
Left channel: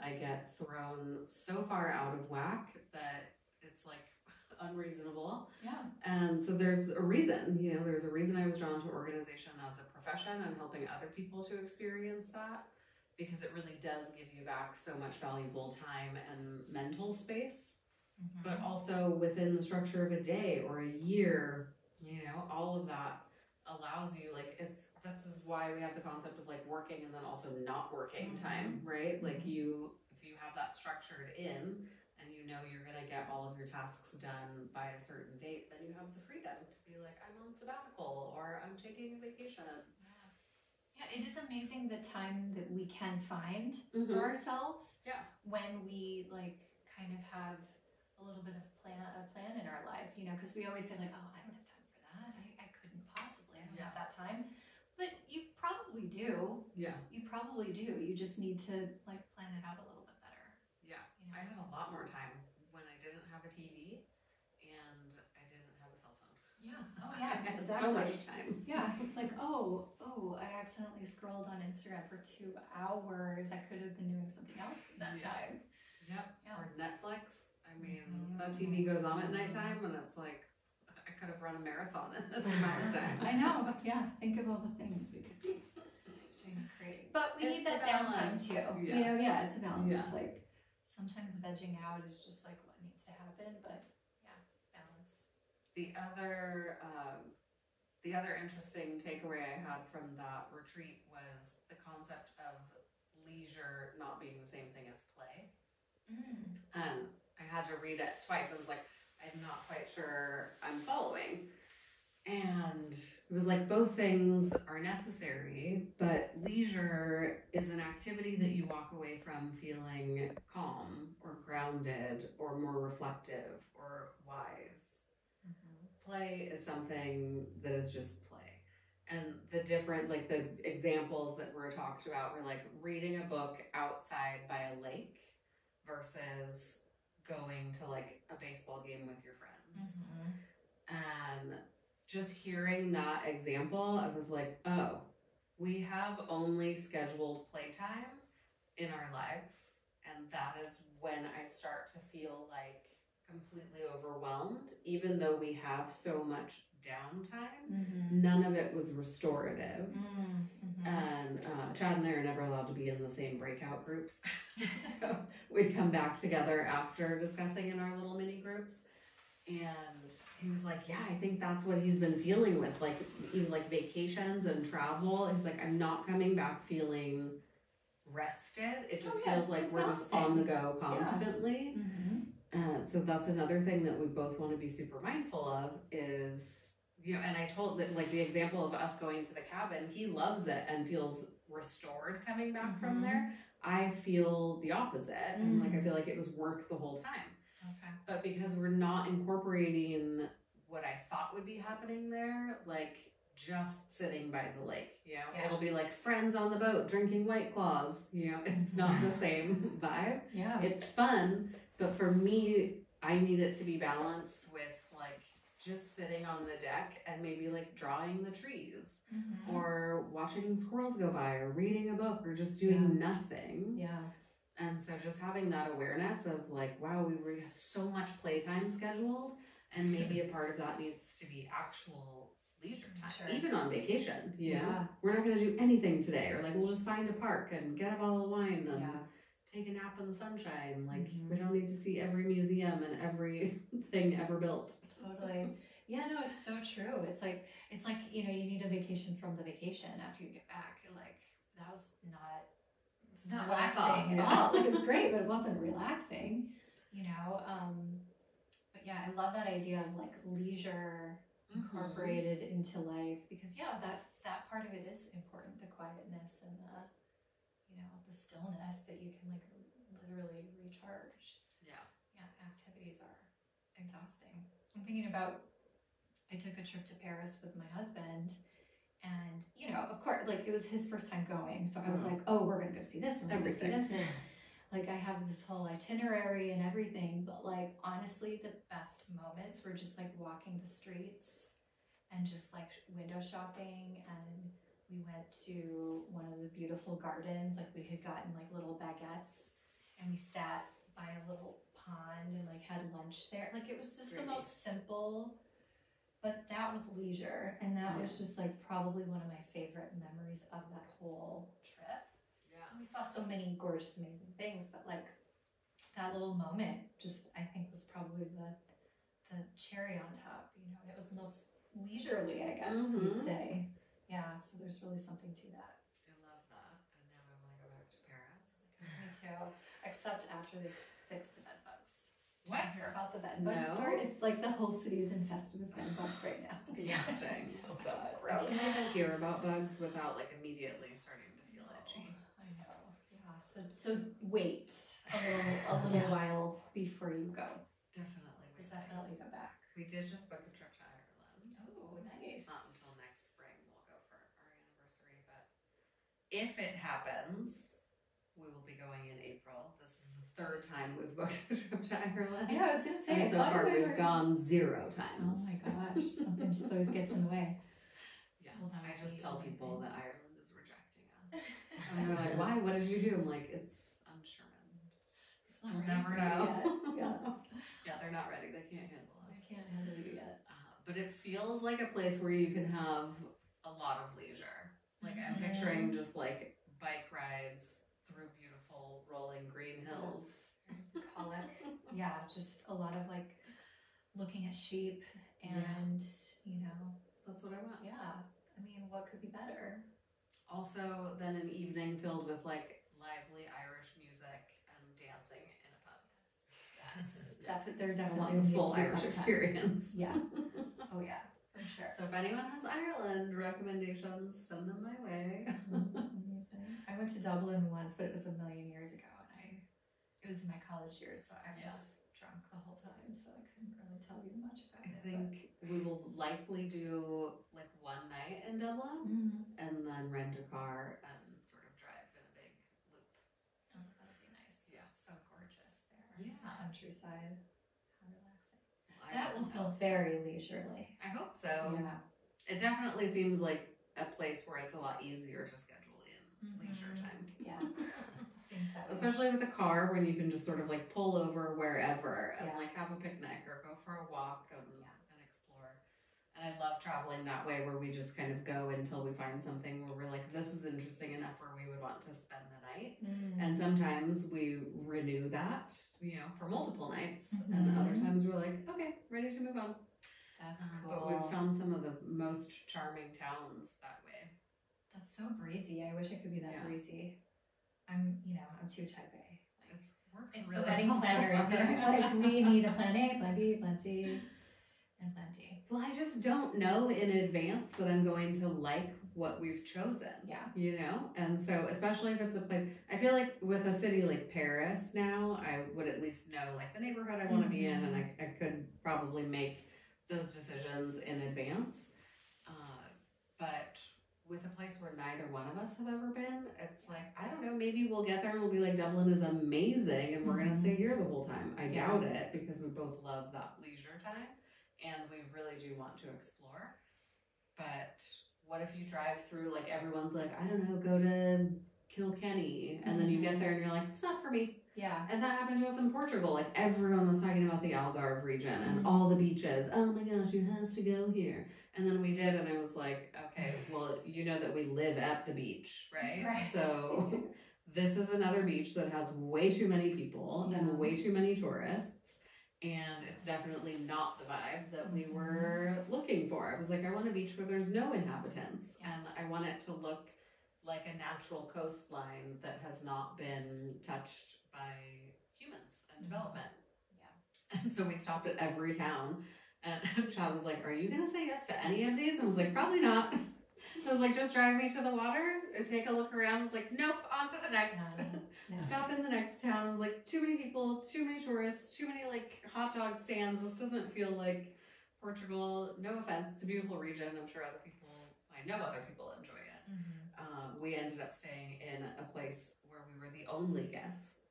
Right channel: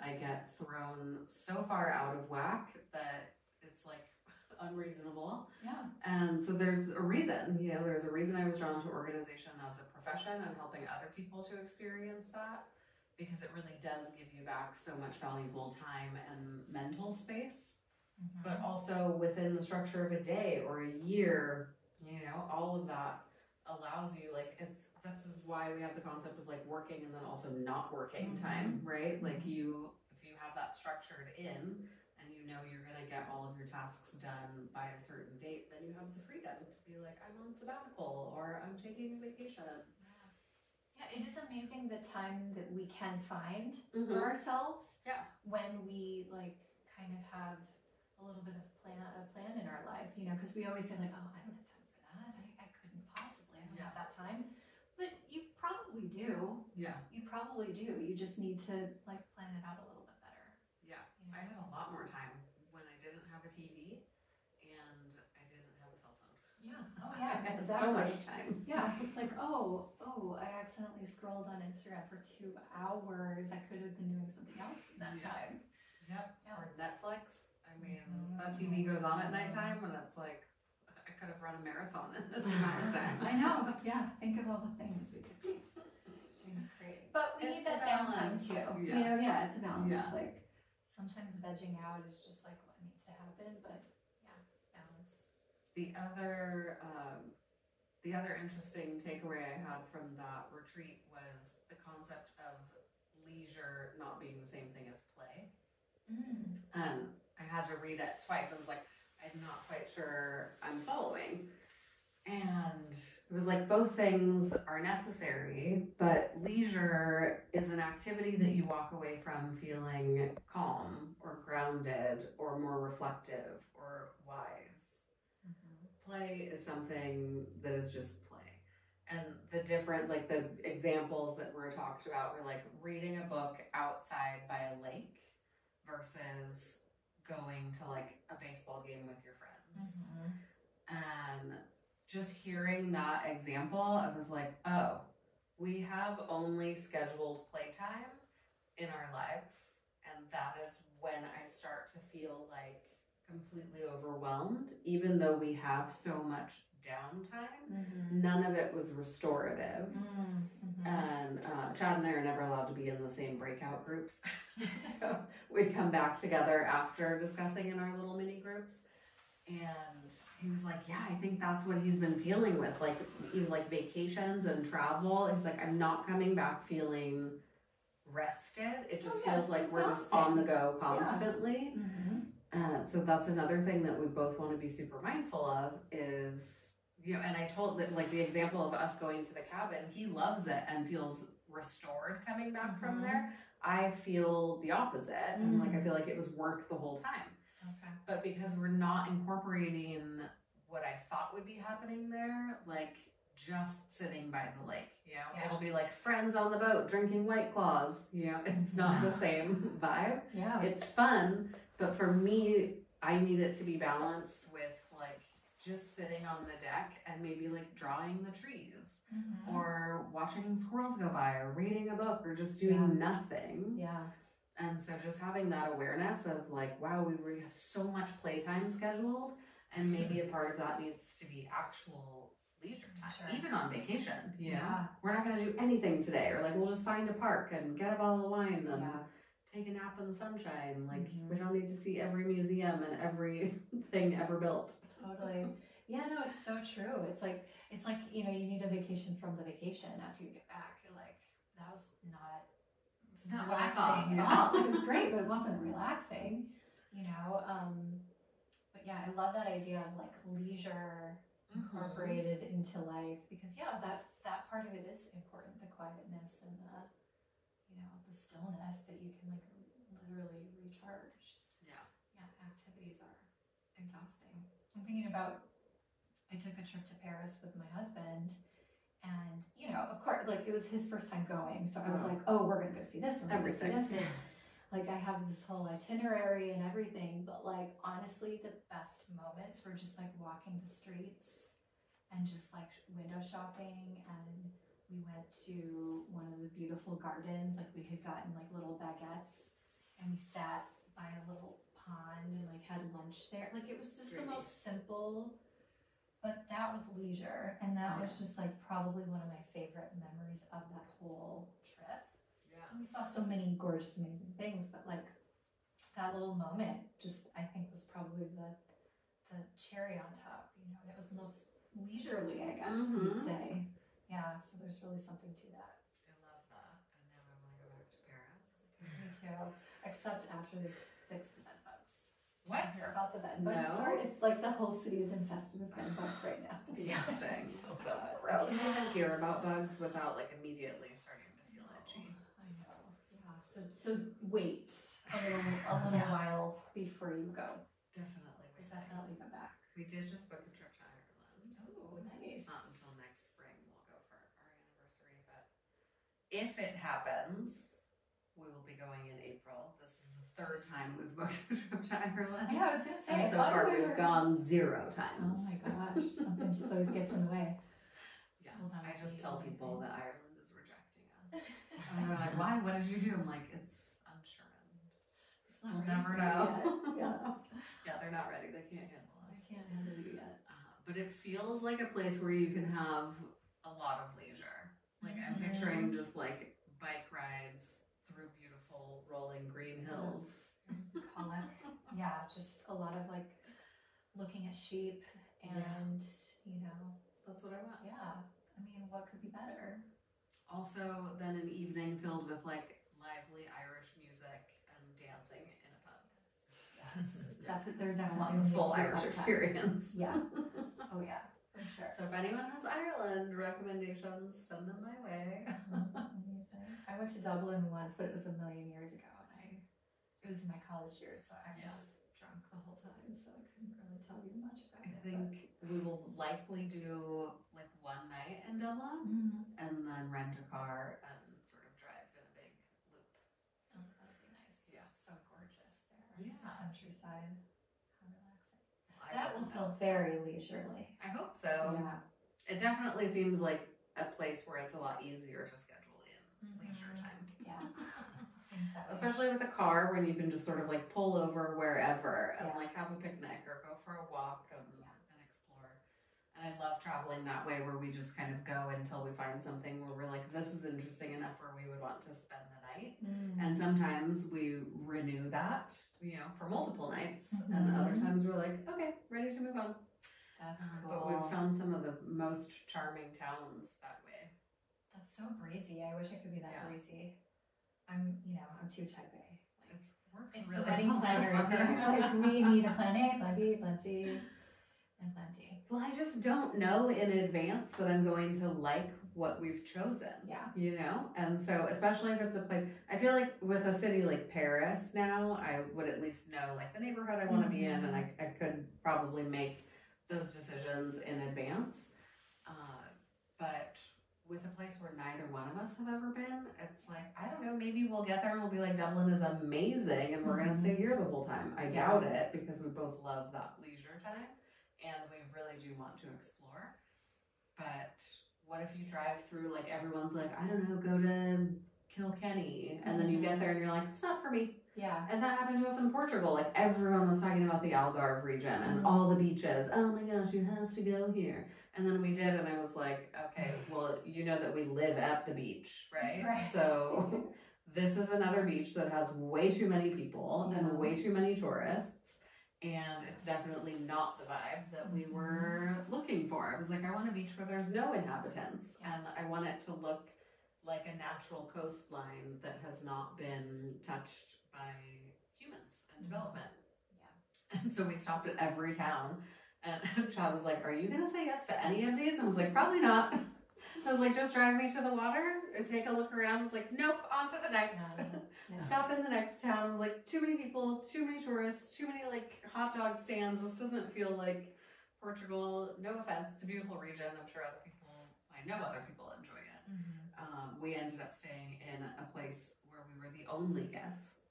I get thrown so far out of whack that it's like unreasonable. Yeah. And so there's a reason, you know, there's a reason I was drawn to organization as a profession and helping other people to experience that, because it really does give you back so much valuable time and mental space. But also within the structure of a day or a year, you know, all of that allows you, like, if this is why we have the concept of like working and then also not working time, right? Like if you have that structured in and you know you're going to get all of your tasks done by a certain date, then you have the freedom to be like, I'm on sabbatical or I'm taking a vacation. Yeah, it is amazing the time that we can find for ourselves. Yeah. When we like kind of have a little bit of a plan in our life, you know, because we always say like, oh, I don't have time for that. I couldn't possibly. I don't have that time. But you probably do. Yeah. You probably do. You just need to like plan it out a little bit better. Yeah. You know? I had a lot more time when I didn't have a TV and I didn't have a cell phone. Yeah. Oh yeah. I had exactly. so much time. Yeah. It's like, oh, I accidentally scrolled on Instagram for 2 hours. I could have been doing something else in that time. Yep. Yeah. Or Netflix. I mean, that TV goes on at nighttime and it's like, I could have run a marathon in this amount of time. I know. Yeah. Think of all the things we could be doing creative. But we need that downtime too. Yeah. You know, yeah, it's a balance. Yeah. It's like sometimes vegging out is just like what needs to happen, but yeah, balance. The other interesting takeaway I had from that retreat was the concept of leisure not being the same thing as play. And I had to read it twice. I was like, I'm not quite sure I'm following. And it was like both things are necessary, but leisure is an activity that you walk away from feeling calm or grounded or more reflective or wise. Play is something that is just play. And the different, like the examples that were talked about were like reading a book outside by a lake versus going to like a baseball game with your friends. And just hearing that example, I was like, oh, we have only scheduled playtime in our lives. And that is when I start to feel like completely overwhelmed, even though we have so much downtime. None of it was restorative. And Chad and I are never allowed to be in the same breakout groups. So we'd come back together after discussing in our little mini groups. And he was like, yeah, I think that's what he's been feeling with like even like vacations and travel. He's like, I'm not coming back feeling rested. It just feels like we're just on the go constantly. So that's another thing that we both want to be super mindful of is, you know, and I told that like the example of us going to the cabin, he loves it and feels restored coming back from there. I feel the opposite. And like, I feel like it was work the whole time. But because we're not incorporating what I thought would be happening there, like just sitting by the lake, you know, it'll be like friends on the boat drinking White Claws, you know, it's not the same vibe. It's fun, but for me, I need it to be balanced with like just sitting on the deck and maybe like drawing the trees or watching squirrels go by or reading a book or just doing nothing. And so just having that awareness of like, wow, we have so much playtime scheduled, and maybe a part of that needs to be actual leisure time, even on vacation. You know? We're not going to do anything today, or like we'll just find a park and get a bottle of wine and take a nap in the sunshine. Like we don't need to see every museum and every thing ever built. Totally. Yeah, no, it's so true. It's like, you know, you need a vacation from the vacation after you get back. You're like, that was it's not relaxing at all. Like, it was great, but it wasn't relaxing, you know? But yeah, I love that idea of like leisure incorporated into life, because that part of it is important, the quietness and the, you know, the stillness that you can like literally recharge. Yeah, activities are exhausting. I'm thinking about, I took a trip to Paris with my husband, and you know, of course, like it was his first time going, so I was like, oh, we're gonna go see this and we're gonna see this, and like I have this whole itinerary and everything, but like honestly the best moments were just like walking the streets and just like window shopping. And we went to one of the beautiful gardens, like we had gotten like little baguettes and we sat by a little pond and like had lunch there. Like it was just the most simple, but that was leisure, and that was just like probably one of my favorite memories of that whole trip. We saw so many gorgeous, amazing things, but like that little moment just, I think, was probably the cherry on top, you know, and it was the most leisurely, I guess you'd say. Yeah, so there's really something to that. I love that, and now I want to go back to Paris. Me too, except after they fix the bed bugs. What? Did you hear about the bed bugs? No. It's like the whole city is infested with bed bugs right now. Disgusting. So gross. I can't even hear about bugs without like immediately starting to feel itchy. I know. Yeah. So wait a little while before you go. Definitely go back. We did just book a trip to Ireland. Oh, nice. It's not until next spring we'll go for our anniversary, but if it happens, we will be going in April. This is the third time we've booked a trip to Ireland. I know, I was gonna say. And so far we've gone 0 times. Oh my gosh, something just always gets in the way. Yeah, well, I just tell people that Ireland is rejecting us. And they're like, why? What did you do? I'm like, it's unsherman. We'll never know. Yeah, they're not ready. They can't handle us. I can't handle it yet. But it feels like a place where you can have a lot of leisure. Like I'm picturing just like bike rides through beautiful rolling green hills. Colic. Yeah, just a lot of like looking at sheep and you know. That's what I want. Yeah. I mean, what could be better? Also, then an evening filled with like lively Irish music and dancing in a pub. Yes. They're definitely want the full Irish experience. Yeah. Oh yeah, for sure. So if anyone has Ireland recommendations, send them my way. Amazing. I went to Dublin once, but it was a million years ago, and it was in my college years, so I was drunk the whole time, so I couldn't really tell you much about it. I think we will likely do like one night in Dublin and then rent a car and sort of drive in a big loop. Oh, that would be nice. Yeah, it's so gorgeous there. Yeah. The countryside. How relaxing. Well, that will feel very leisurely. I hope so. Yeah. It definitely seems like a place where it's a lot easier to schedule in leisure time. Yeah. Seems that way. Especially with a car, when you can just sort of like pull over wherever and like have a picnic or go for a walk and explore. And I love traveling that way, where we just kind of go until we find something where we're like, this is interesting enough where we would want to spend the night. And sometimes we renew that, you know, for multiple nights, and other times we're like, okay, ready to move on. That's cool. But we've found some of the most charming towns that way. That's so breezy. I wish I could be that breezy. I'm too type A. Like, it's really the wedding planner in here. Like, we need a plan A, plan B, plan C, and plan D. Well, I just don't know in advance that I'm going to like what we've chosen. Yeah. You know? And so, especially if it's a place, I feel like with a city like Paris now, I would at least know like the neighborhood I want to be in, and I could probably make those decisions in advance. But with a place where neither one of us have ever been, it's like, I don't know, maybe we'll get there and we'll be like, Dublin is amazing and we're going to stay here the whole time. I doubt it, because we both love that leisure time and we really do want to explore. But what if you drive through, like everyone's like, I don't know, go to Kilkenny, and then you get there and you're like, it's not for me. Yeah. And that happened to us in Portugal. Like everyone was talking about the Algarve region and all the beaches. Oh my gosh, you have to go here. And then we did, and I was like, okay, well, you know that we live at the beach, right? Right. So this is another beach that has way too many people and way too many tourists. And it's definitely not the vibe that we were looking for. I was like, I want a beach where there's no inhabitants, and I want it to look like a natural coastline that has not been touched by humans and development. Yeah. And so we stopped at every town, and Chad was like, are you gonna say yes to any of these? And I was like, probably not. I was like, just drive me to the water and take a look around. I was like, nope, on to the next. Stop in the next town. I was like, too many people, too many tourists, too many like hot dog stands. This doesn't feel like Portugal. No offense, it's a beautiful region. I'm sure other people, I know other people enjoy it. We ended up staying in a place where we were the only guests.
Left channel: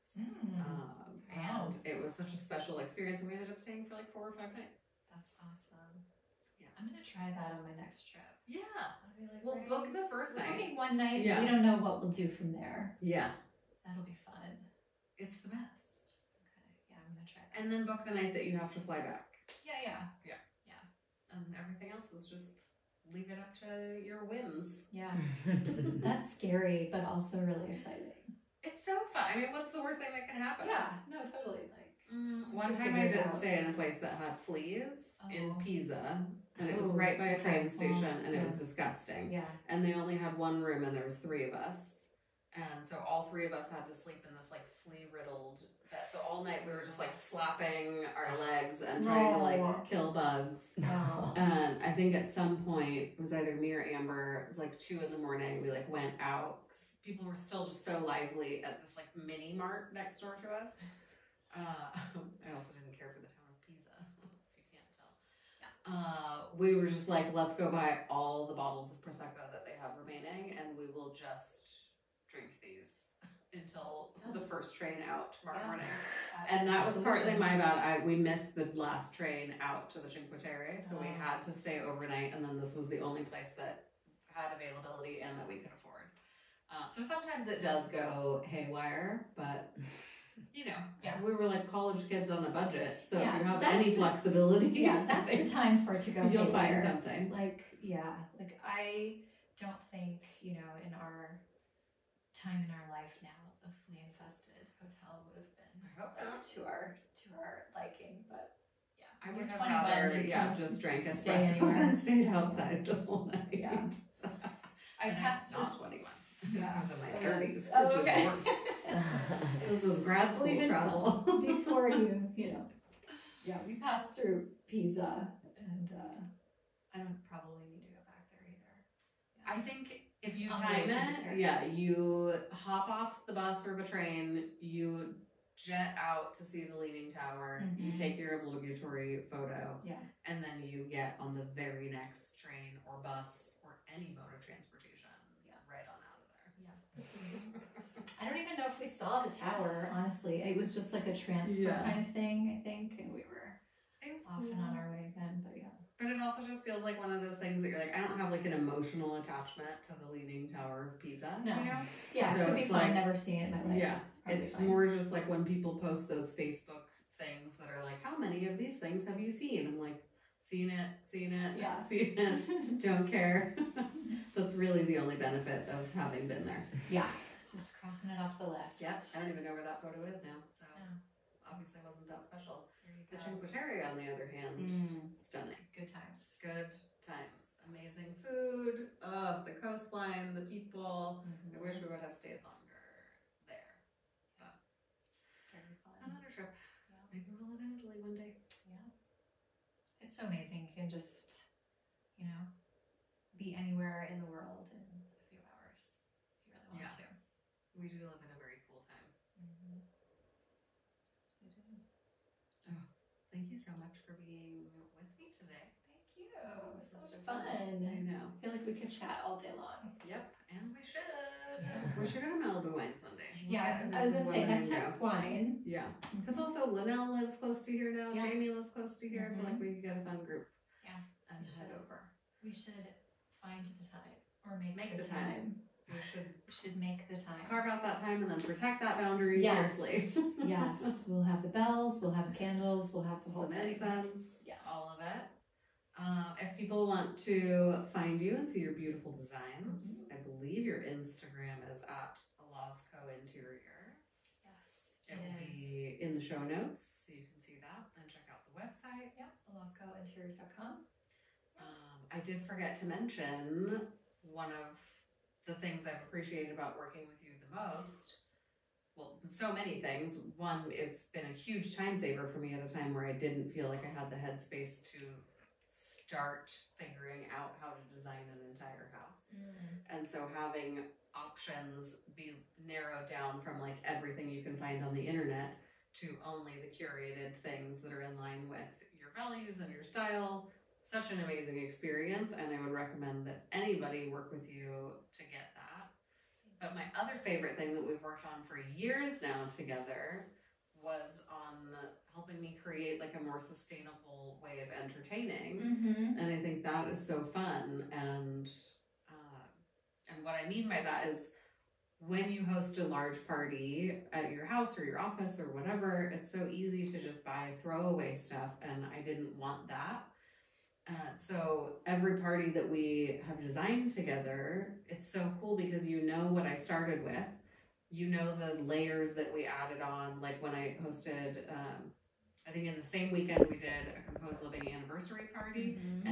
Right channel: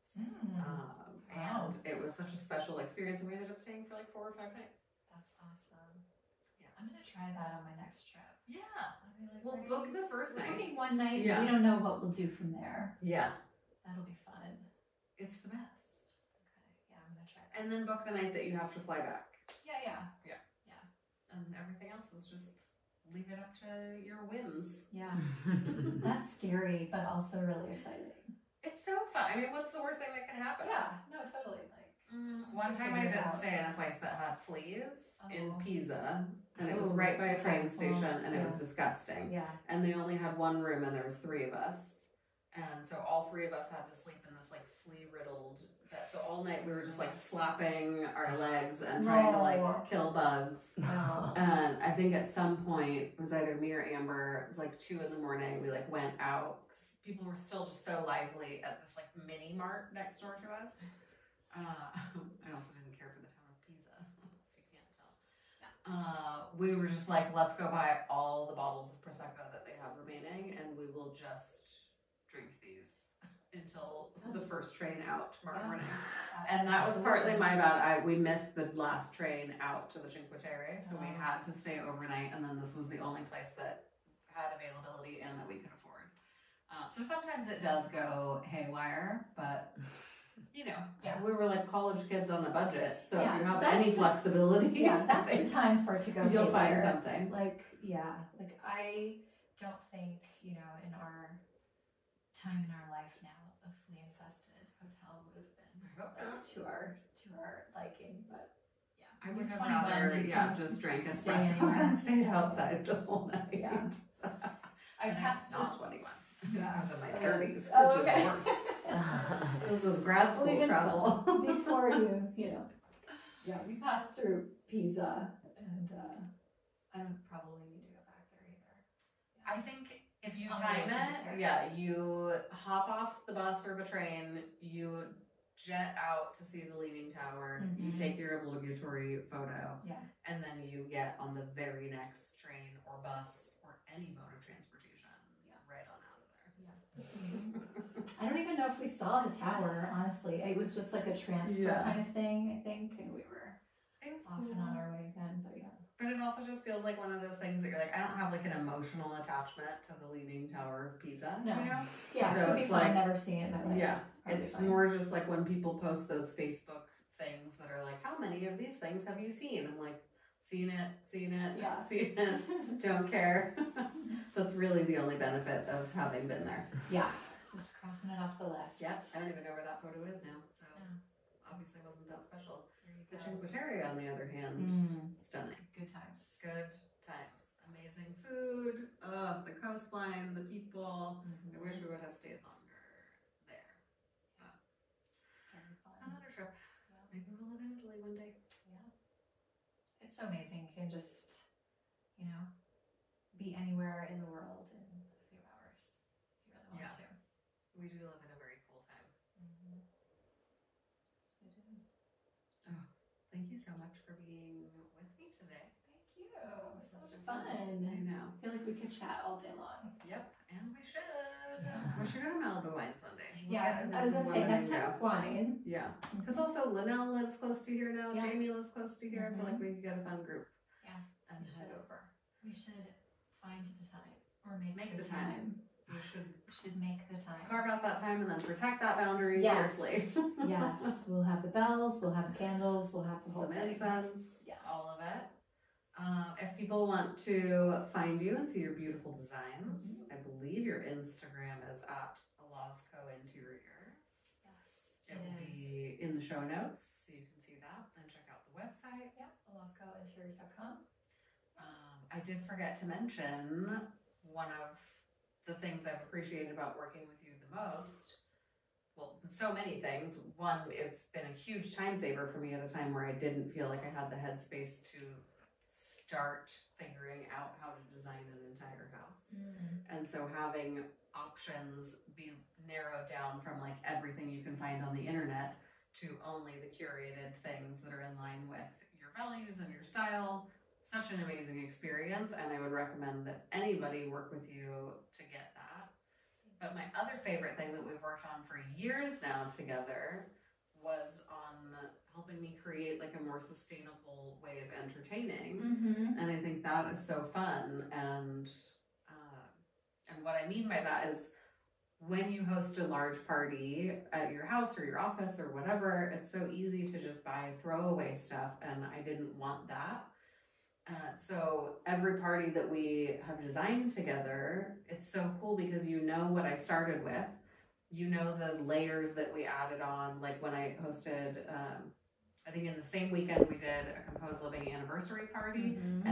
And it was such a special experience, and we ended up staying for like 4 or 5 nights. That's awesome. Yeah, I'm gonna try that on my next trip. Yeah, I'll be like, we'll book the first night. Booking one night, yeah. We don't know what we'll do from there. Yeah, that'll be fun. It's the best. Okay, yeah, I'm gonna try that. And then book the night that you have to fly back. Yeah. And everything else is just leave it up to your whims. Yeah, that's scary, but also really exciting. It's so fun. I mean, what's the worst thing that can happen? Yeah, no, totally. Like one time I did stay in a place that had fleas in Pisa, and it was right by a train station, and it was disgusting. Yeah. And they only had one room, and there was 3 of us, and so all 3 of us had to sleep in this like flea-riddled bed. So all night we were just like slapping our legs and trying to like kill bugs. And I think at some point it was either me or Amber. It was like 2 in the morning. We like went out. People were still just so lively at this like mini mart next door to us. I also didn't care for the town of Pisa, if you can't tell. We were just like, let's go buy all the bottles of Prosecco that they have remaining, and we will just drink these until the first train out tomorrow morning. And that was partly my bad. We missed the last train out to the Cinque Terre, so we had to stay overnight, and then this was the only place that had availability and that we could afford. So sometimes it does go haywire, but you know, we were like college kids on a budget. So if you have any flexibility, that's the time for it to go. You'll find something. Like I don't think, you know, in our time in our life now, the flea-infested hotel would have been to our liking. But I would have rather just drank espressos and stayed outside the whole night. Yeah. I passed not 21. Yeah. I was in my 30s, Oh, which is worse. This was grad school travel. Before you know. Yeah, we passed through Pisa, and I don't probably need to go back there either. I think if you time it, you hop off the bus or the train, you jet out to see the Leaning Tower, you take your obligatory photo, and then you get on the very next train or bus or any mode of transportation right on out of there. I don't even know if we saw the tower, honestly. It was just like a transfer kind of thing, I think, and we were off and on our way again, but But it also just feels like one of those things that you're like, I don't have like an emotional attachment to the Leaning Tower of Pisa. No. You know? Yeah, so it could be it's fun. like, I've never seen it in my life. Yeah, it's more just like when people post those Facebook things that are like, how many of these things have you seen? I'm like, seen it, seen it. Don't care. That's really the only benefit of having been there. Yeah, just crossing it off the list. Yep, I don't even know where that photo is now, so obviously wasn't that special. The Cinque Terre, on the other hand, stunning. Good times. Good times. Amazing food. The coastline, the people. I wish we would have stayed longer there. Very fun. Another trip. Maybe we'll live in Italy one day. Yeah. It's so amazing. You can just, you know, be anywhere in the world in a few hours if you really want to. We do live in a very cool time. Yes, we do. Oh, thank you so much for being with me today. Thank you. So much fun. I know. I feel like we could chat all day long. Yep, and we should. We should go to Malibu Wine Sunday. I was gonna say next time with wine. Yeah, because also Linnell lives close to here now. Yeah. Jamie lives close to here. I feel like we could get a fun group. Yeah, and head over. We should find the time or make the time. should make the time. Carve out that time and then protect that boundary fiercely. Yes, we'll have the bells, we'll have the candles, we'll have the whole Some thing. incense, Yes. all of it. If people want to find you and see your beautiful designs, I believe your Instagram is at Olazko Interiors. Yes, It will be in the show notes, so you can see that and check out the website. Yeah, OlazkoInteriors.com. I did forget to mention one of the things I've appreciated about working with you the most. Well, so many things. One, it's been a huge time saver for me at a time where I didn't feel like I had the headspace to start figuring out how to design an entire house. And so having options be narrowed down from like everything you can find on the internet to only the curated things that are in line with your values and your style, such an amazing experience, and I would recommend that anybody work with you to get that. But my other favorite thing that we've worked on for years now together was on helping me create like a more sustainable way of entertaining. And I think that is so fun. And what I mean by that is when you host a large party at your house or your office or whatever, it's so easy to just buy throwaway stuff, and I didn't want that. So every party that we have designed together, it's so cool because you know what I started with, you know the layers that we added on, like when I hosted, I think in the same weekend we did a Composed Living anniversary party, and